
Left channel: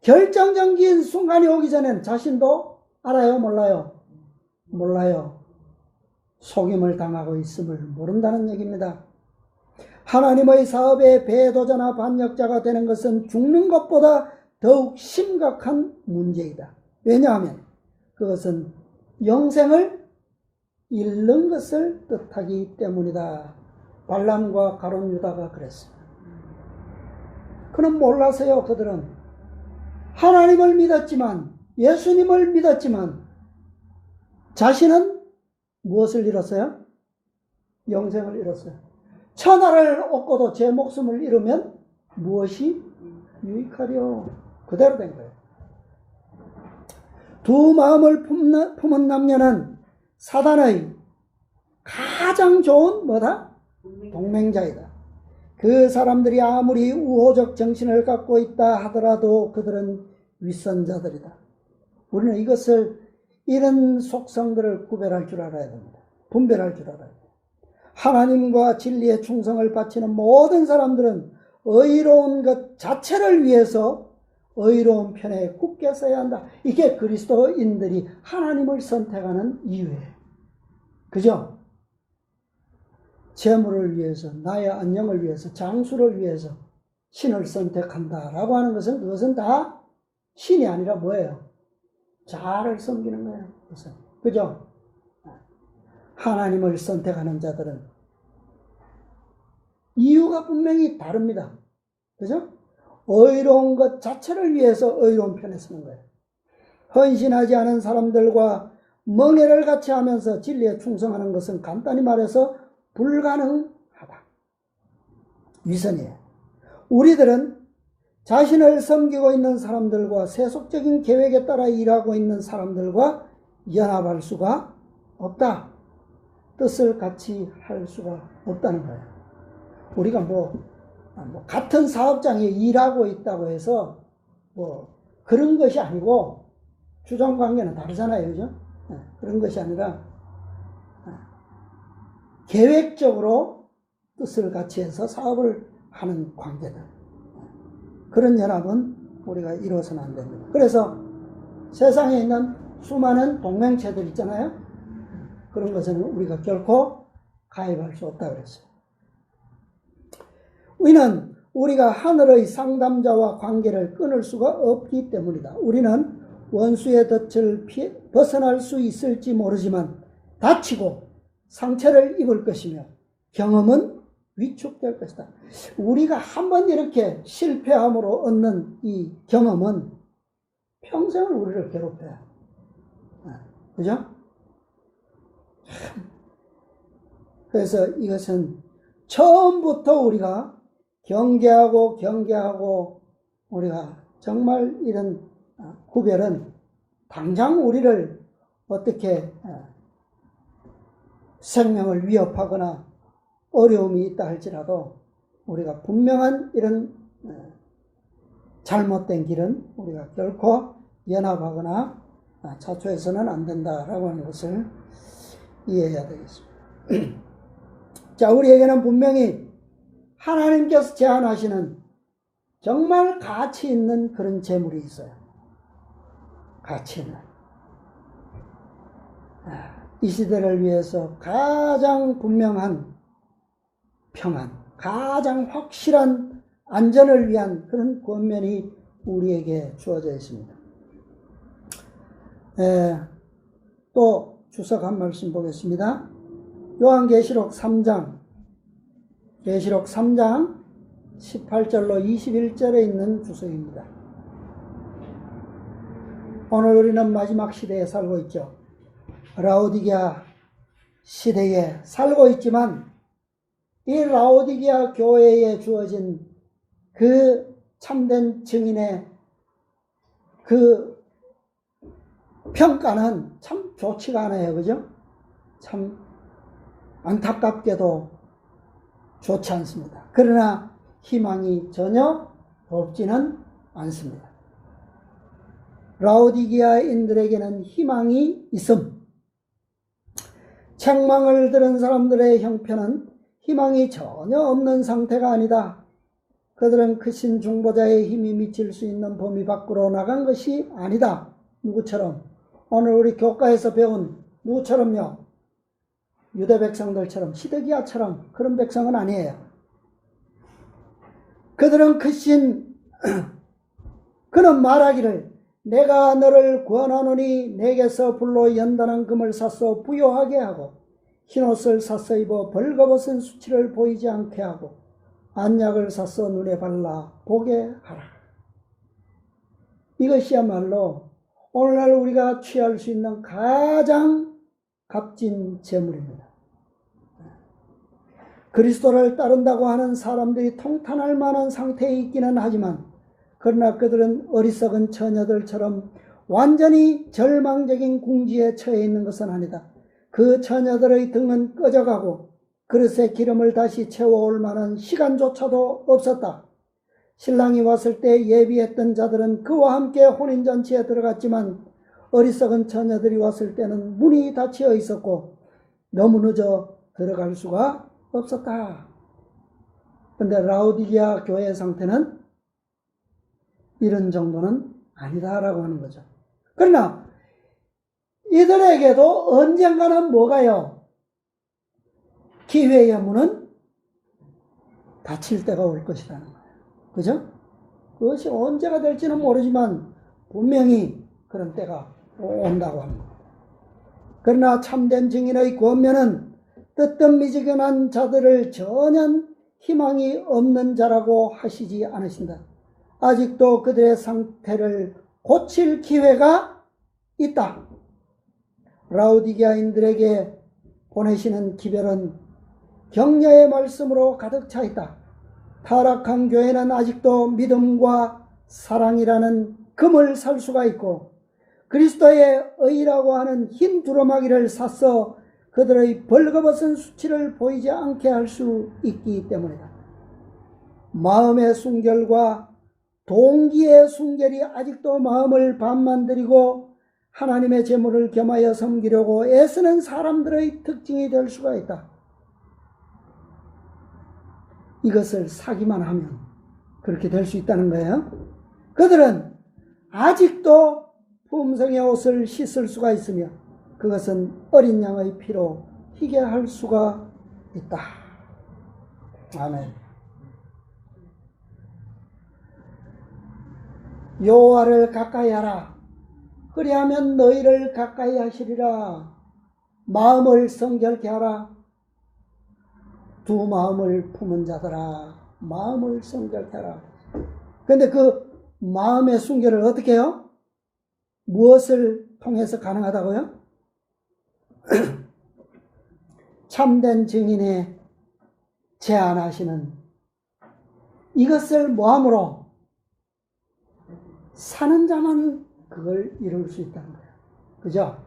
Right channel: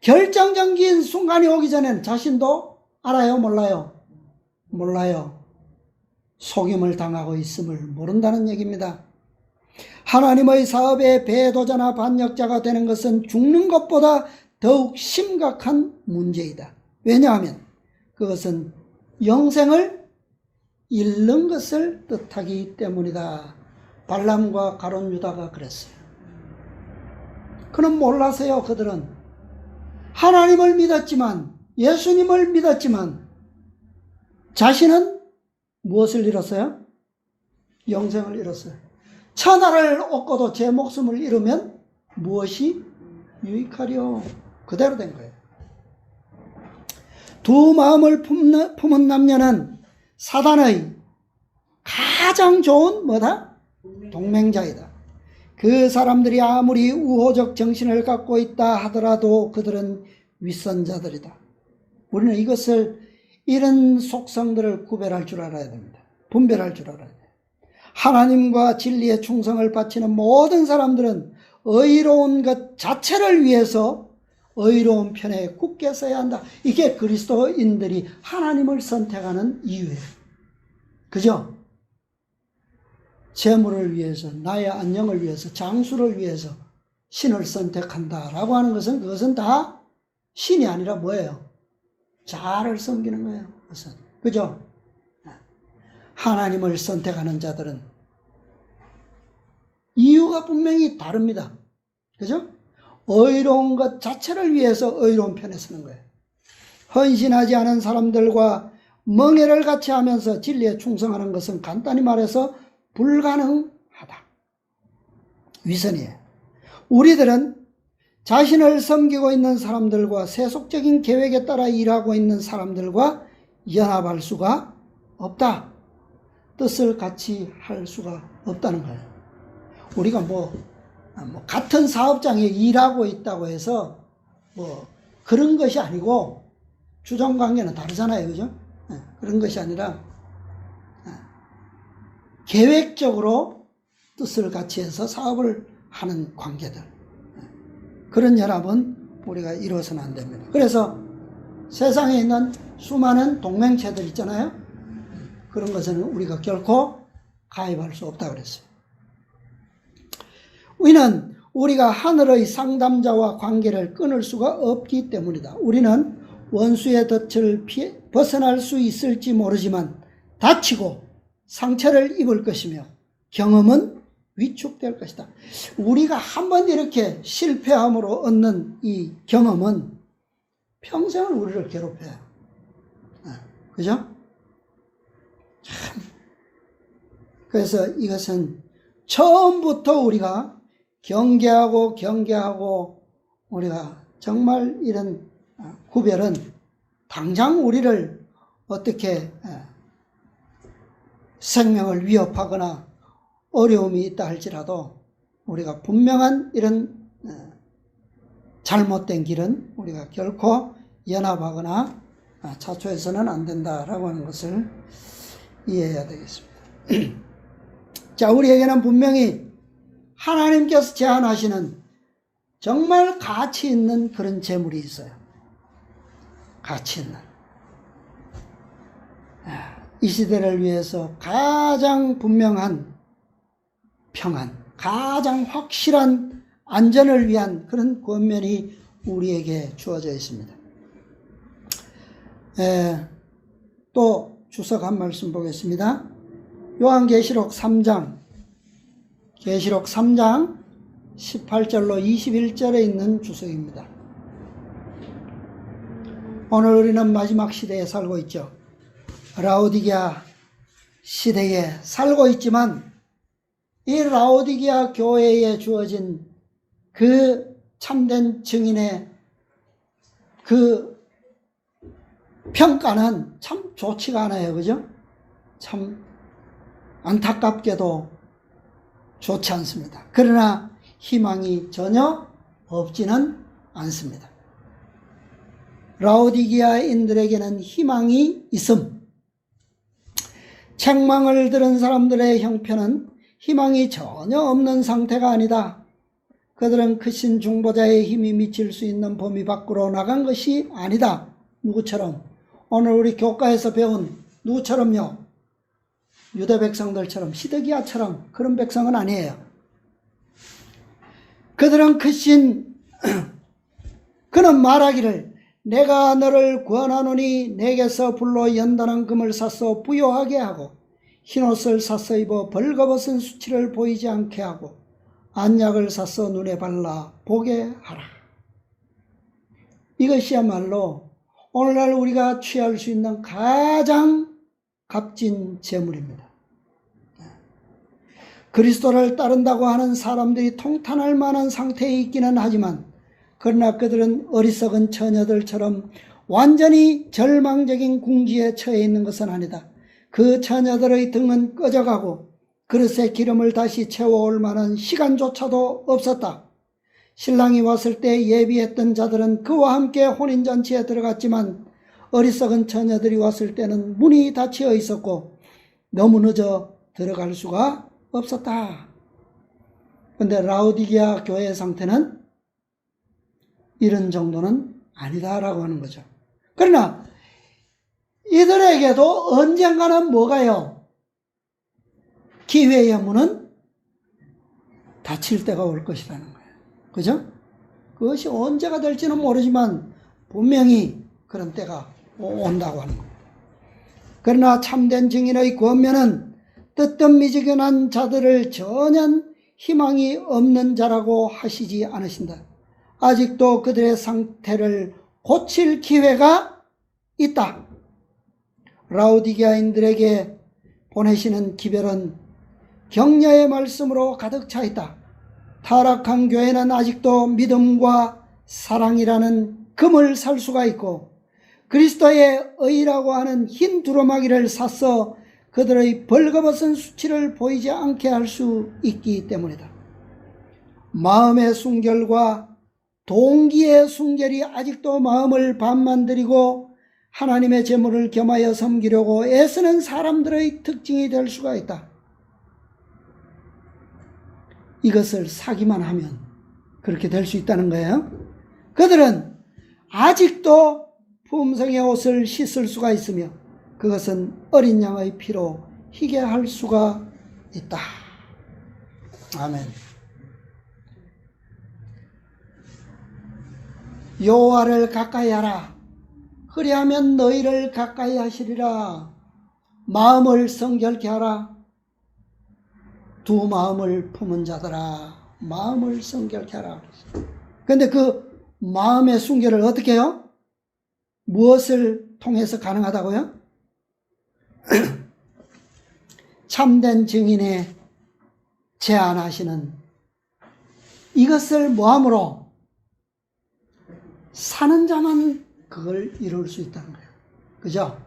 결정적인 순간이 오기 전에는 자신도 알아요? 몰라요? 몰라요. 속임을 당하고 있음을 모른다는 얘기입니다. 하나님의 사업에 배도자나 반역자가 되는 것은 죽는 것보다 더욱 심각한 문제이다. 왜냐하면 그것은 영생을 잃는 것을 뜻하기 때문이다. 발람과 가룟 유다가 그랬어요. 그는 몰라서요. 그들은 하나님을 믿었지만, 예수님을 믿었지만 자신은 무엇을 잃었어요? 영생을 잃었어요. 천하를 얻고도 제 목숨을 잃으면 무엇이 유익하려? 그대로 된 거예요. 두 마음을 품은 남녀는 사단의 가장 좋은 뭐다? 동맹자이다. 그 사람들이 아무리 우호적 정신을 갖고 있다 하더라도 그들은 윗선자들이다. 우리는 이런 속성들을 구별할 줄 알아야 됩니다. 분별할 줄 알아야 돼요. 하나님과 진리에 충성을 바치는 모든 사람들은 의로운 것 자체를 위해서 의로운 편에 굳게 서야 한다. 이게 그리스도인들이 하나님을 선택하는 이유예요. 그죠? 재물을 위해서, 나의 안녕을 위해서, 장수를 위해서 신을 선택한다라고 하는 것은 그것은 다 신이 아니라 뭐예요? 자아를 섬기는 거예요. 그것은. 그죠? 하나님을 선택하는 자들은 이유가 분명히 다릅니다. 그죠? 의로운 것 자체를 위해서 의로운 편에 서는 거예요. 헌신하지 않은 사람들과 멍해를 같이 하면서 진리에 충성하는 것은 간단히 말해서 불가능하다. 위선이에요. 우리들은 자신을 섬기고 있는 사람들과 세속적인 계획에 따라 일하고 있는 사람들과 연합할 수가 없다. 뜻을 같이 할 수가 없다는 거예요. 우리가 같은 사업장에 일하고 있다고 해서 그런 것이 아니고 주종관계는 다르잖아요. 그죠? 그런 것이 아니라 계획적으로 뜻을 같이 해서 사업을 하는 관계들. 그런 연합은 우리가 이루어서는 안 됩니다. 그래서 세상에 있는 수많은 동맹체들 있잖아요. 그런 것은 우리가 결코 가입할 수 없다고 그랬어요. 이는 우리가 하늘의 상담자와 관계를 끊을 수가 없기 때문이다. 우리는 원수의 덫을 벗어날 수 있을지 모르지만 다치고 상처를 입을 것이며 경험은 위축될 것이다. 우리가 한번 이렇게 실패함으로 얻는 이 경험은 평생을 우리를 괴롭혀요. 그죠? 그래서 이것은 처음부터 우리가 경계하고 우리가 정말 이런 구별은 당장 우리를 어떻게 생명을 위협하거나 어려움이 있다 할지라도 우리가 분명한 이런 잘못된 길은 우리가 결코 연합하거나 자초해서는 안 된다라고 하는 것을 이해해야 되겠습니다. 자, 우리에게는 분명히 하나님께서 제안하시는 정말 가치 있는 그런 재물이 있어요. 가치 있는. 이 시대를 위해서 가장 분명한 평안, 가장 확실한 안전을 위한 그런 권면이 우리에게 주어져 있습니다. 또 주석 한 말씀 보겠습니다. 요한계시록 3장 18절로 21절에 있는 주석입니다. 오늘 우리는 마지막 시대에 살고 있죠. 라오디게아 시대에 살고 있지만 이 라오디게아 교회에 주어진 그 참된 증인의 그 평가는 참 좋지가 않아요. 그죠? 참 안타깝게도 좋지 않습니다. 그러나 희망이 전혀 없지는 않습니다. 라오디게아인들에게는 희망이 있음. 책망을 들은 사람들의 형편은 희망이 전혀 없는 상태가 아니다. 그들은 크신 중보자의 힘이 미칠 수 있는 범위 밖으로 나간 것이 아니다. 누구처럼? 오늘 우리 교과에서 배운 누구처럼요? 유대 백성들처럼, 시드기야처럼 그런 백성은 아니에요. 그들은 그는 말하기를 내가 너를 구원하노니 내게서 불로 연단한 금을 사서 부요하게 하고 흰옷을 사서 입어 벌거벗은 수치를 보이지 않게 하고 안약을 사서 눈에 발라 보게 하라. 이것이야말로 오늘날 우리가 취할 수 있는 가장 값진 재물입니다. 그리스도를 따른다고 하는 사람들이 통탄할 만한 상태에 있기는 하지만 그러나 그들은 어리석은 처녀들처럼 완전히 절망적인 궁지에 처해 있는 것은 아니다. 그 처녀들의 등은 꺼져가고 그릇에 기름을 다시 채워올 만한 시간조차도 없었다. 신랑이 왔을 때 예비했던 자들은 그와 함께 혼인잔치에 들어갔지만 어리석은 처녀들이 왔을 때는 문이 닫혀 있었고 너무 늦어 들어갈 수가 없었다. 그런데 라오디게아 교회의 상태는 이런 정도는 아니다라고 하는 거죠. 그러나 이들에게도 언젠가는 뭐가요? 기회의 문은 닫힐 때가 올 것이라는 거예요. 그죠? 그것이 언제가 될지는 모르지만 분명히 그런 때가 온다고 하는 겁니다. 그러나 참된 증인의 권면은 뜨뜻미지근한 자들을 전혀 희망이 없는 자라고 하시지 않으신다. 아직도 그들의 상태를 고칠 기회가 있다. 라오디게아인들에게 보내시는 기별은 격려의 말씀으로 가득 차 있다. 타락한 교회는 아직도 믿음과 사랑이라는 금을 살 수가 있고 그리스도의 의라고 하는 흰 두루마기를 사서 그들의 벌거벗은 수치를 보이지 않게 할 수 있기 때문이다. 마음의 순결과 동기의 순결이 아직도 마음을 반만들이고 하나님의 제물을 겸하여 섬기려고 애쓰는 사람들의 특징이 될 수가 있다. 이것을 사기만 하면 그렇게 될 수 있다는 거예요. 그들은 아직도 품성의 옷을 씻을 수가 있으며 그것은 어린 양의 피로 희게 할 수가 있다. 아멘. 여호와를 가까이 하라. 그리하면 너희를 가까이 하시리라. 마음을 성결케 하라. 두 마음을 품은 자들아, 마음을 성결케 하라. 그런데 그 마음의 순결을 어떻게 해요? 무엇을 통해서 가능하다고요? 참된 증인의 제안하시는 이것을 뭐함으로? 사는 자만 그걸 이룰 수 있다는 거예요. 그죠?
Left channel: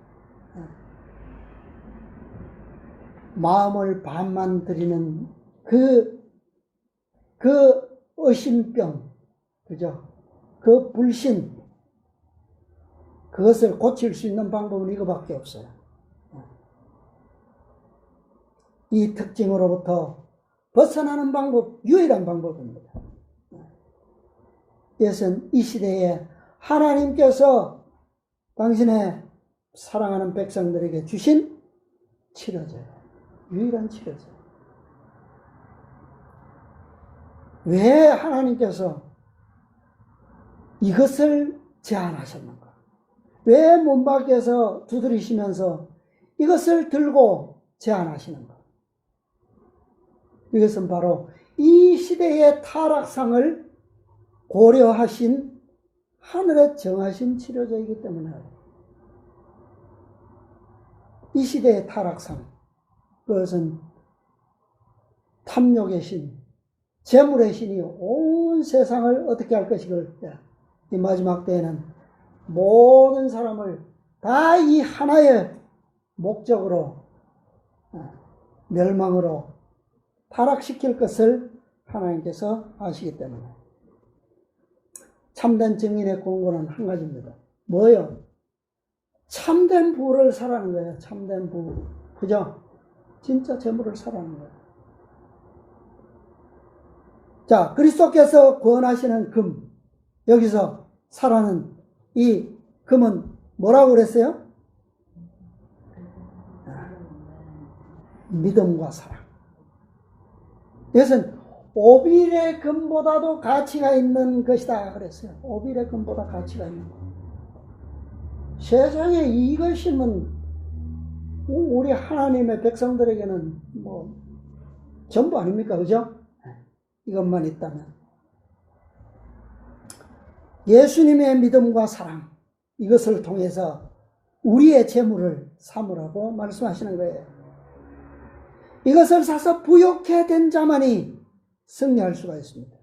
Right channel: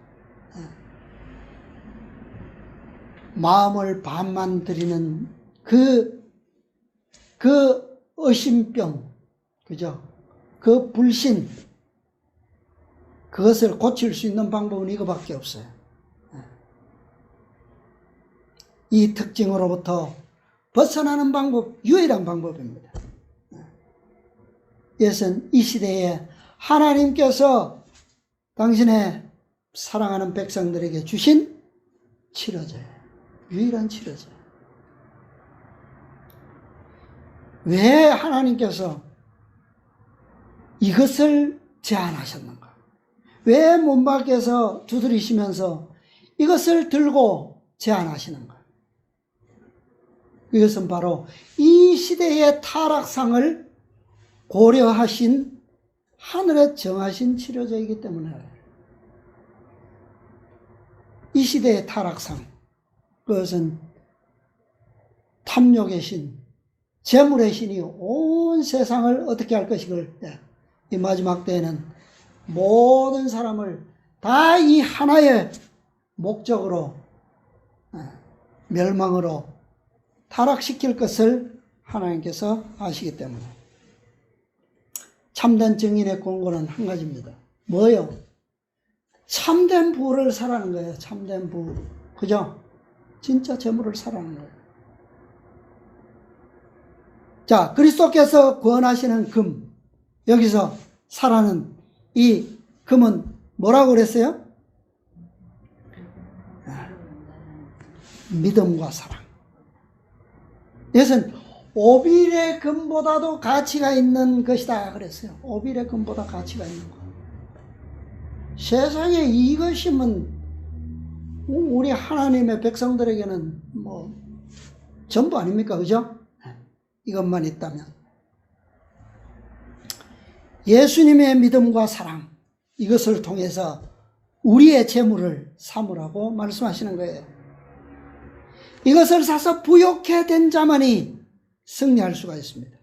마음을 반만 드리는 그 의심병, 그죠? 그 불신, 그것을 고칠 수 있는 방법은 이거밖에 없어요. 이 특징으로부터 벗어나는 방법, 유일한 방법입니다. 이것은 이 시대에 하나님께서 당신의 사랑하는 백성들에게 주신 치료제예요. 유일한 치료제. 왜 하나님께서 이것을 제안하셨는가? 왜 문 밖에서 두드리시면서 이것을 들고 제안하시는가? 이것은 바로 이 시대의 타락상을 고려하신 하늘에 정하신 치료제이기 때문에 이 시대의 타락상, 그것은 탐욕의 신, 재물의 신이 온 세상을 어떻게 할 것이걸, 이 마지막 때에는 모든 사람을 다 이 하나의 목적으로, 멸망으로 타락시킬 것을 하나님께서 아시기 때문에 참된 증인의 권고는 한 가지입니다. 뭐요? 참된 부를 사라는 거예요. 참된 부. 그죠? 진짜 재물을 사라는 거예요. 자, 그리스도께서 구원하시는 금, 여기서 사라는 이 금은 뭐라고 그랬어요? 믿음과 사랑. 이것은 오빌의 금보다도 가치가 있는 것이다 그랬어요. 오빌의 금보다 가치가 있는 것. 세상에 이것이면 우리 하나님의 백성들에게는 뭐 전부 아닙니까? 그죠? 이것만 있다면. 예수님의 믿음과 사랑, 이것을 통해서 우리의 재물을 삼으라고 말씀하시는 거예요. 이것을 사서 부욕해 된 자만이 승리할 수가 있습니다.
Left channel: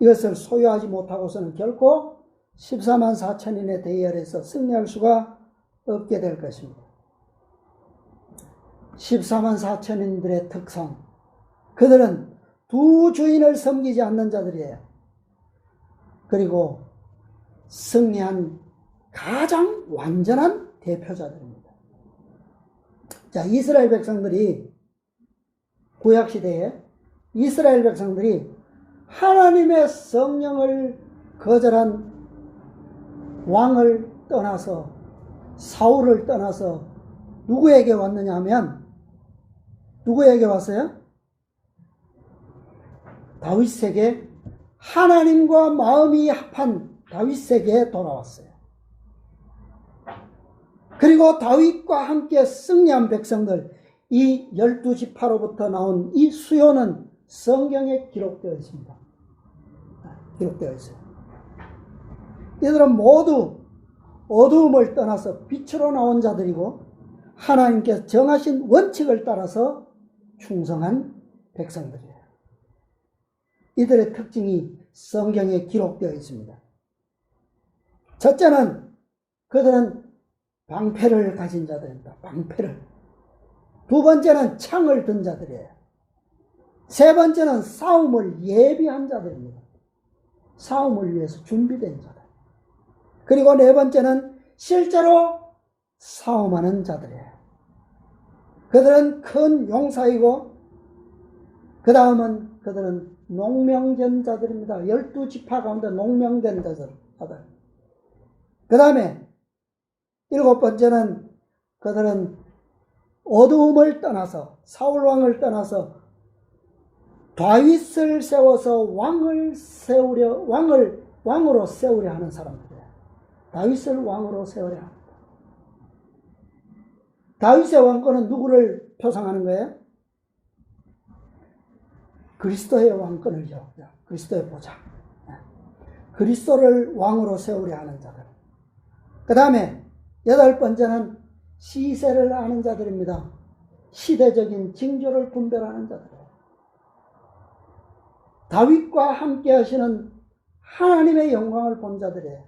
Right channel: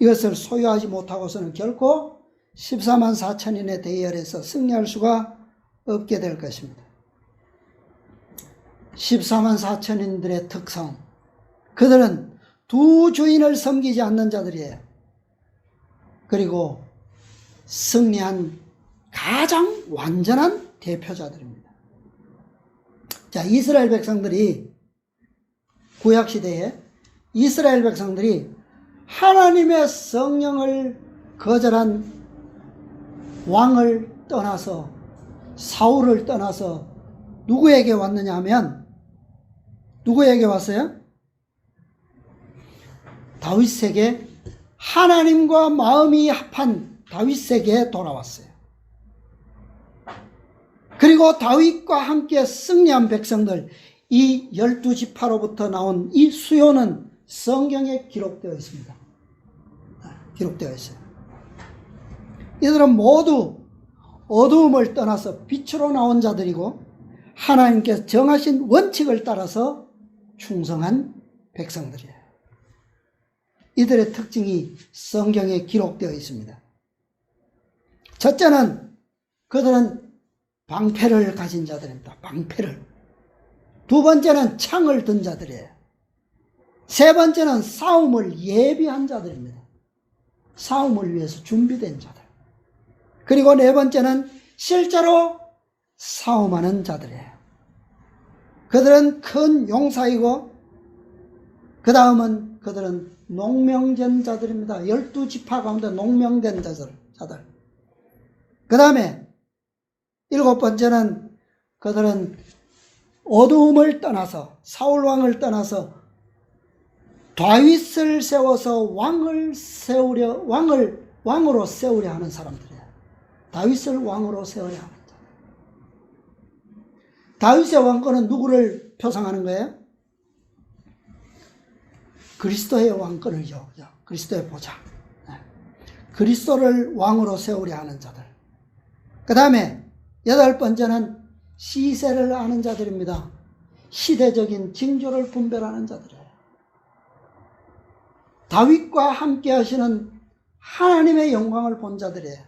이것을 소유하지 못하고서는 결코 14만 4천인의 대열에서 승리할 수가 없게 될 것입니다. 14만 4천인들의 특성, 그들은 두 주인을 섬기지 않는 자들이에요. 그리고 승리한 가장 완전한 대표자들입니다. 자, 이스라엘 백성들이 구약시대에 이스라엘 백성들이 하나님의 성령을 거절한 왕을 떠나서 사울을 떠나서 누구에게 왔느냐 하면 누구에게 왔어요? 다윗에게, 하나님과 마음이 합한 다윗에게 돌아왔어요. 그리고 다윗과 함께 승리한 백성들, 이 12지파로부터 나온 이 수요는 성경에 기록되어 있습니다. 기록되어 있어요. 이들은 모두 어두움을 떠나서 빛으로 나온 자들이고 하나님께서 정하신 원칙을 따라서 충성한 백성들이에요. 이들의 특징이 성경에 기록되어 있습니다. 첫째는 그들은 방패를 가진 자들입니다. 방패를. 두 번째는 창을 든 자들이에요. 세 번째는 싸움을 예비한 자들입니다. 싸움을 위해서 준비된 자들. 그리고 네 번째는 실제로 싸움하는 자들이에요. 그들은 큰 용사이고 그 다음은 그들은 농명된 자들입니다. 12지파 가운데 농명된 자들. 그 다음에 7번째는 그들은 어두움을 떠나서 사울왕을 떠나서 다윗을 세워서 왕으로 세우려 하는 사람들이에요. 다윗을 왕으로 세우려 합니다. 다윗의 왕권은 누구를 표상하는 거예요? 그리스도의 왕권을요. 그리스도의 보좌. 그리스도를 왕으로 세우려 하는 자들. 그 다음에 8번째는 시세를 아는 자들입니다. 시대적인 징조를 분별하는 자들이에요. 다윗과 함께 하시는 하나님의 영광을 본 자들이에요.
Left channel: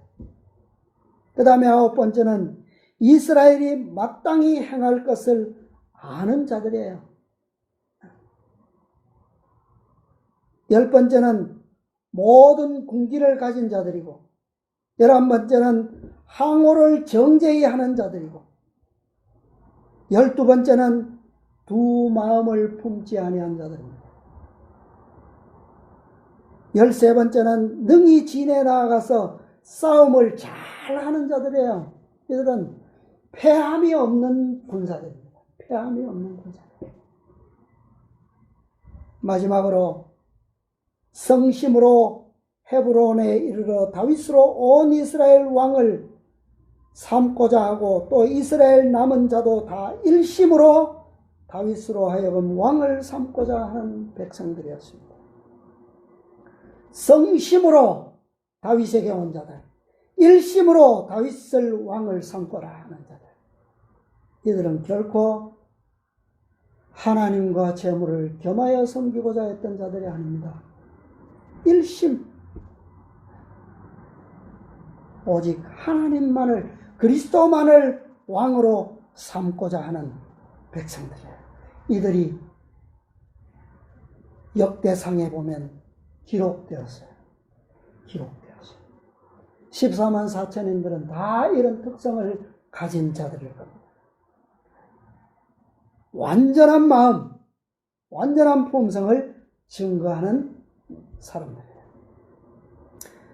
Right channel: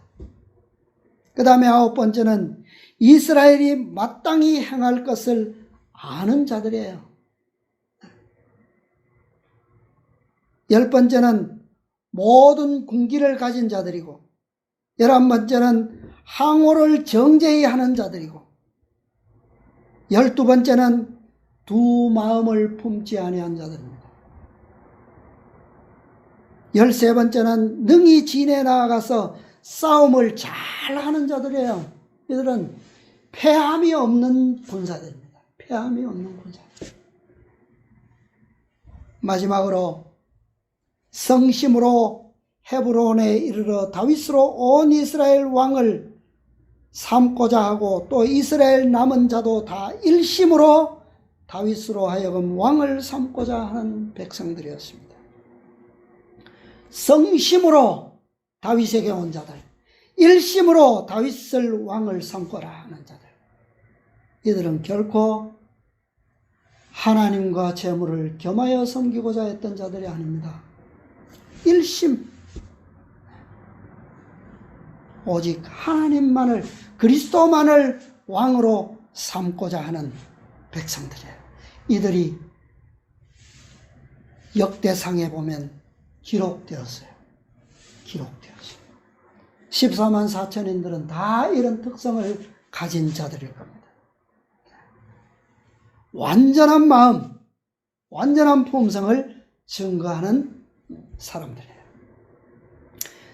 그 다음에 9번째는 이스라엘이 마땅히 행할 것을 아는 자들이에요. 10번째는 모든 군기를 가진 자들이고 11번째는 항호를 정제히 하는 자들이고 12번째는 두 마음을 품지 아니한 자들입니다. 13번째는 능히 진에 나아가서 싸움을 잘하는 자들이에요. 이들은 패함이 없는 군사들입니다. 패함이 없는 군사들. 마지막으로 성심으로 헤브론에 이르러 다윗으로 온 이스라엘 왕을 삼고자 하고 또 이스라엘 남은 자도 다 일심으로 다윗으로 하여금 왕을 삼고자 하는 백성들이었습니다. 성심으로 다윗에게 온 자들, 일심으로 다윗을 왕을 삼고라 하는 자들. 이들은 결코 하나님과 재물을 겸하여 섬기고자 했던 자들이 아닙니다. 일심, 오직 하나님만을, 그리스도만을 왕으로 삼고자 하는 백성들이에요. 이들이 역대상에 보면 기록되었어요. 14만 4천인들은 다 이런 특성을 가진 자들일 겁니다. 완전한 마음, 완전한 품성을 증거하는 사람들이에요.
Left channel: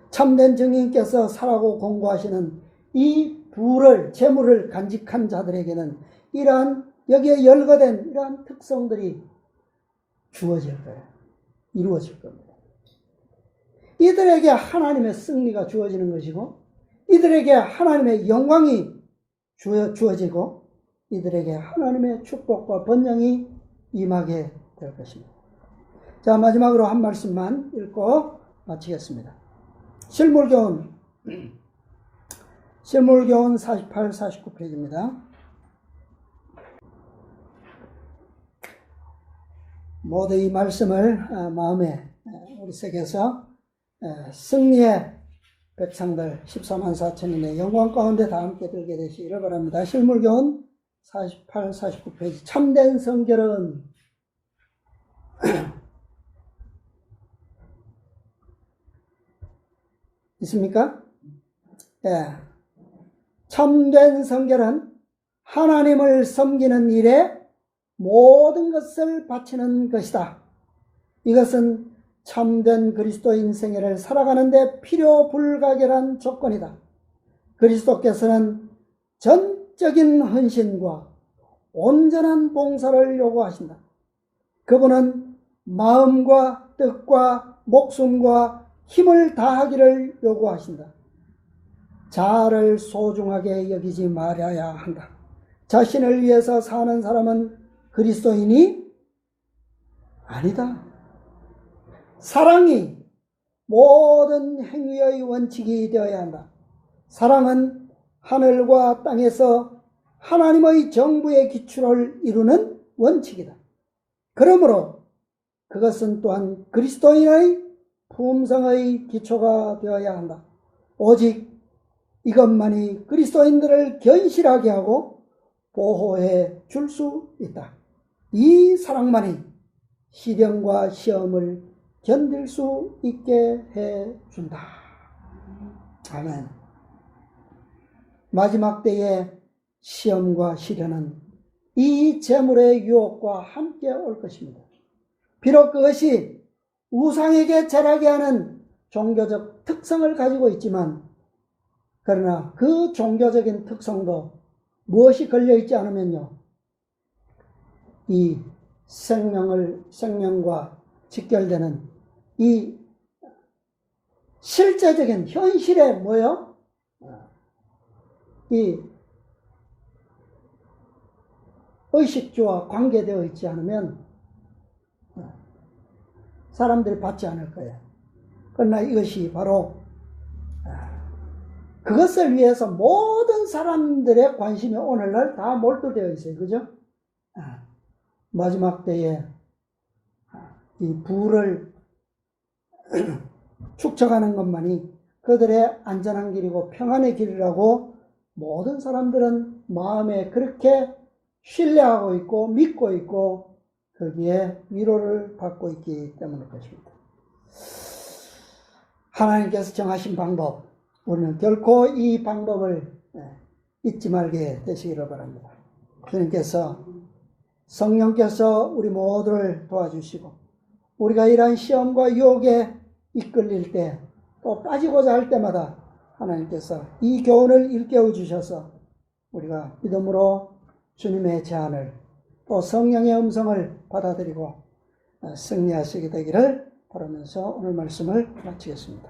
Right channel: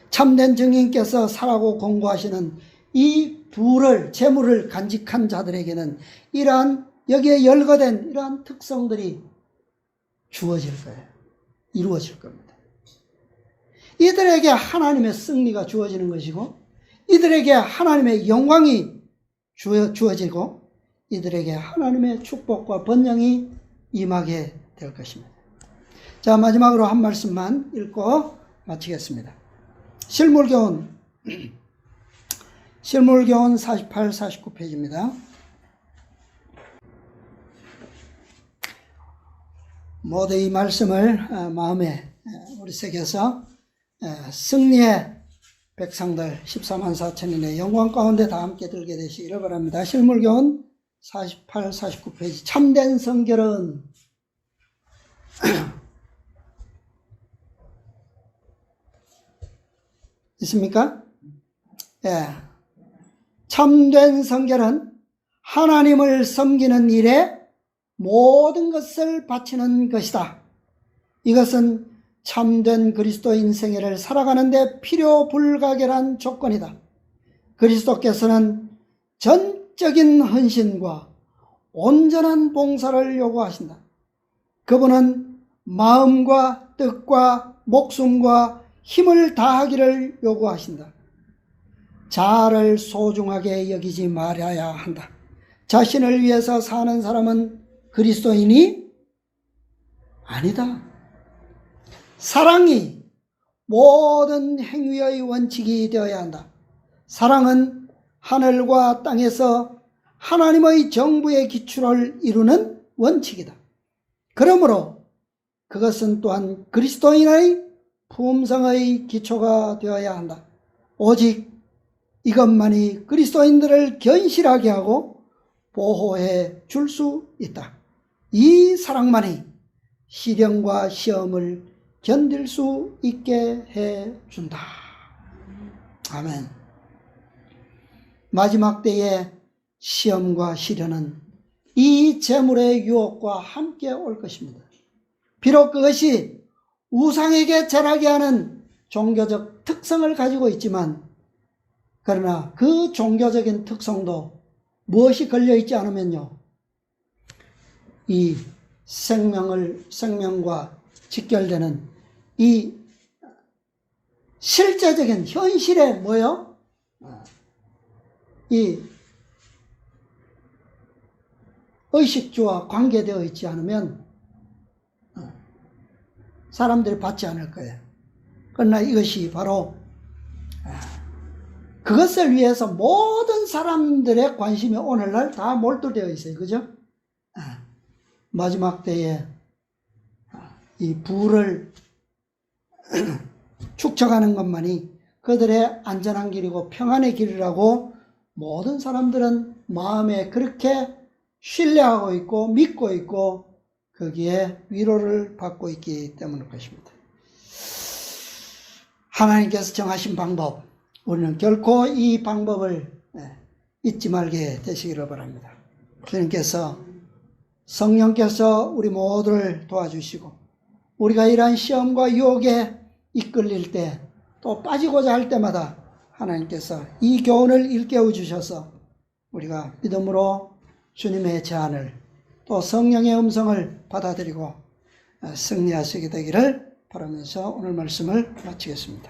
참된 증인께서 살아고 공고하시는 이 부를, 재물을 간직한 자들에게는 이러한, 여기에 열거된 이러한 특성들이 주어질 거예요. 이루어질 겁니다. 이들에게 하나님의 승리가 주어지는 것이고, 이들에게 하나님의 영광이 주어지고, 이들에게 하나님의 축복과 번영이 임하게 될 것입니다. 자, 마지막으로 한 말씀만 읽고 마치겠습니다. 실물교훈 48, 49페이지입니다. 모두 이 말씀을 마음에 우리 새겨서 승리의 백성들 14만 4천인의 영광 가운데 다 함께 들게 되시기를 바랍니다. 실물교훈 48, 49페이지. 참된 성결은 있습니까? 예. 참된 성결은 하나님을 섬기는 일에 모든 것을 바치는 것이다. 이것은 참된 그리스도인 생애를 살아가는데 필요 불가결한 조건이다. 그리스도께서는 전적인 헌신과 온전한 봉사를 요구하신다. 그분은 마음과 뜻과 목숨과 힘을 다하기를 요구하신다. 자아를 소중하게 여기지 말아야 한다. 자신을 위해서 사는 사람은 그리스도인이 아니다. 사랑이 모든 행위의 원칙이 되어야 한다. 사랑은 하늘과 땅에서 하나님의 정부의 기초를 이루는 원칙이다. 그러므로 그것은 또한 그리스도인의 품성의 기초가 되어야 한다. 오직 이것만이 그리스도인들을 견실하게 하고 보호해 줄 수 있다. 이 사랑만이 시련과 시험을 견딜 수 있게 해 준다. 아멘. 마지막 때의 시험과 시련은 이 재물의 유혹과 함께 올 것입니다. 비록 그것이 우상에게 절하게 하는 종교적 특성을 가지고 있지만, 그러나 그 종교적인 특성도 무엇이 걸려있지 않으면요, 이 생명과 직결되는 이 실제적인 현실에 뭐요? 이 의식주와 관계되어 있지 않으면 사람들이 받지 않을 거예요. 그러나 이것이 바로 그것을 위해서 모든 사람들의 관심이 오늘날 다 몰두되어 있어요. 그죠? 마지막 때에 이 부를 축적하는 것만이 그들의 안전한 길이고 평안의 길이라고 모든 사람들은 마음에 그렇게 신뢰하고 있고 믿고 있고 거기에 위로를 받고 있기 때문일 것입니다. 하나님께서 정하신 방법, 우리는 결코 이 방법을 잊지 말게 되시기를 바랍니다. 주님께서 성령께서 우리 모두를 도와주시고 우리가 이러한 시험과 유혹에 이끌릴 때 또 빠지고자 할 때마다 하나님께서 이 교훈을 일깨워 주셔서 우리가 믿음으로 주님의 제안을 또 성령의 음성을 받아들이고 승리하시게 되기를 바라면서 오늘 말씀을 마치겠습니다.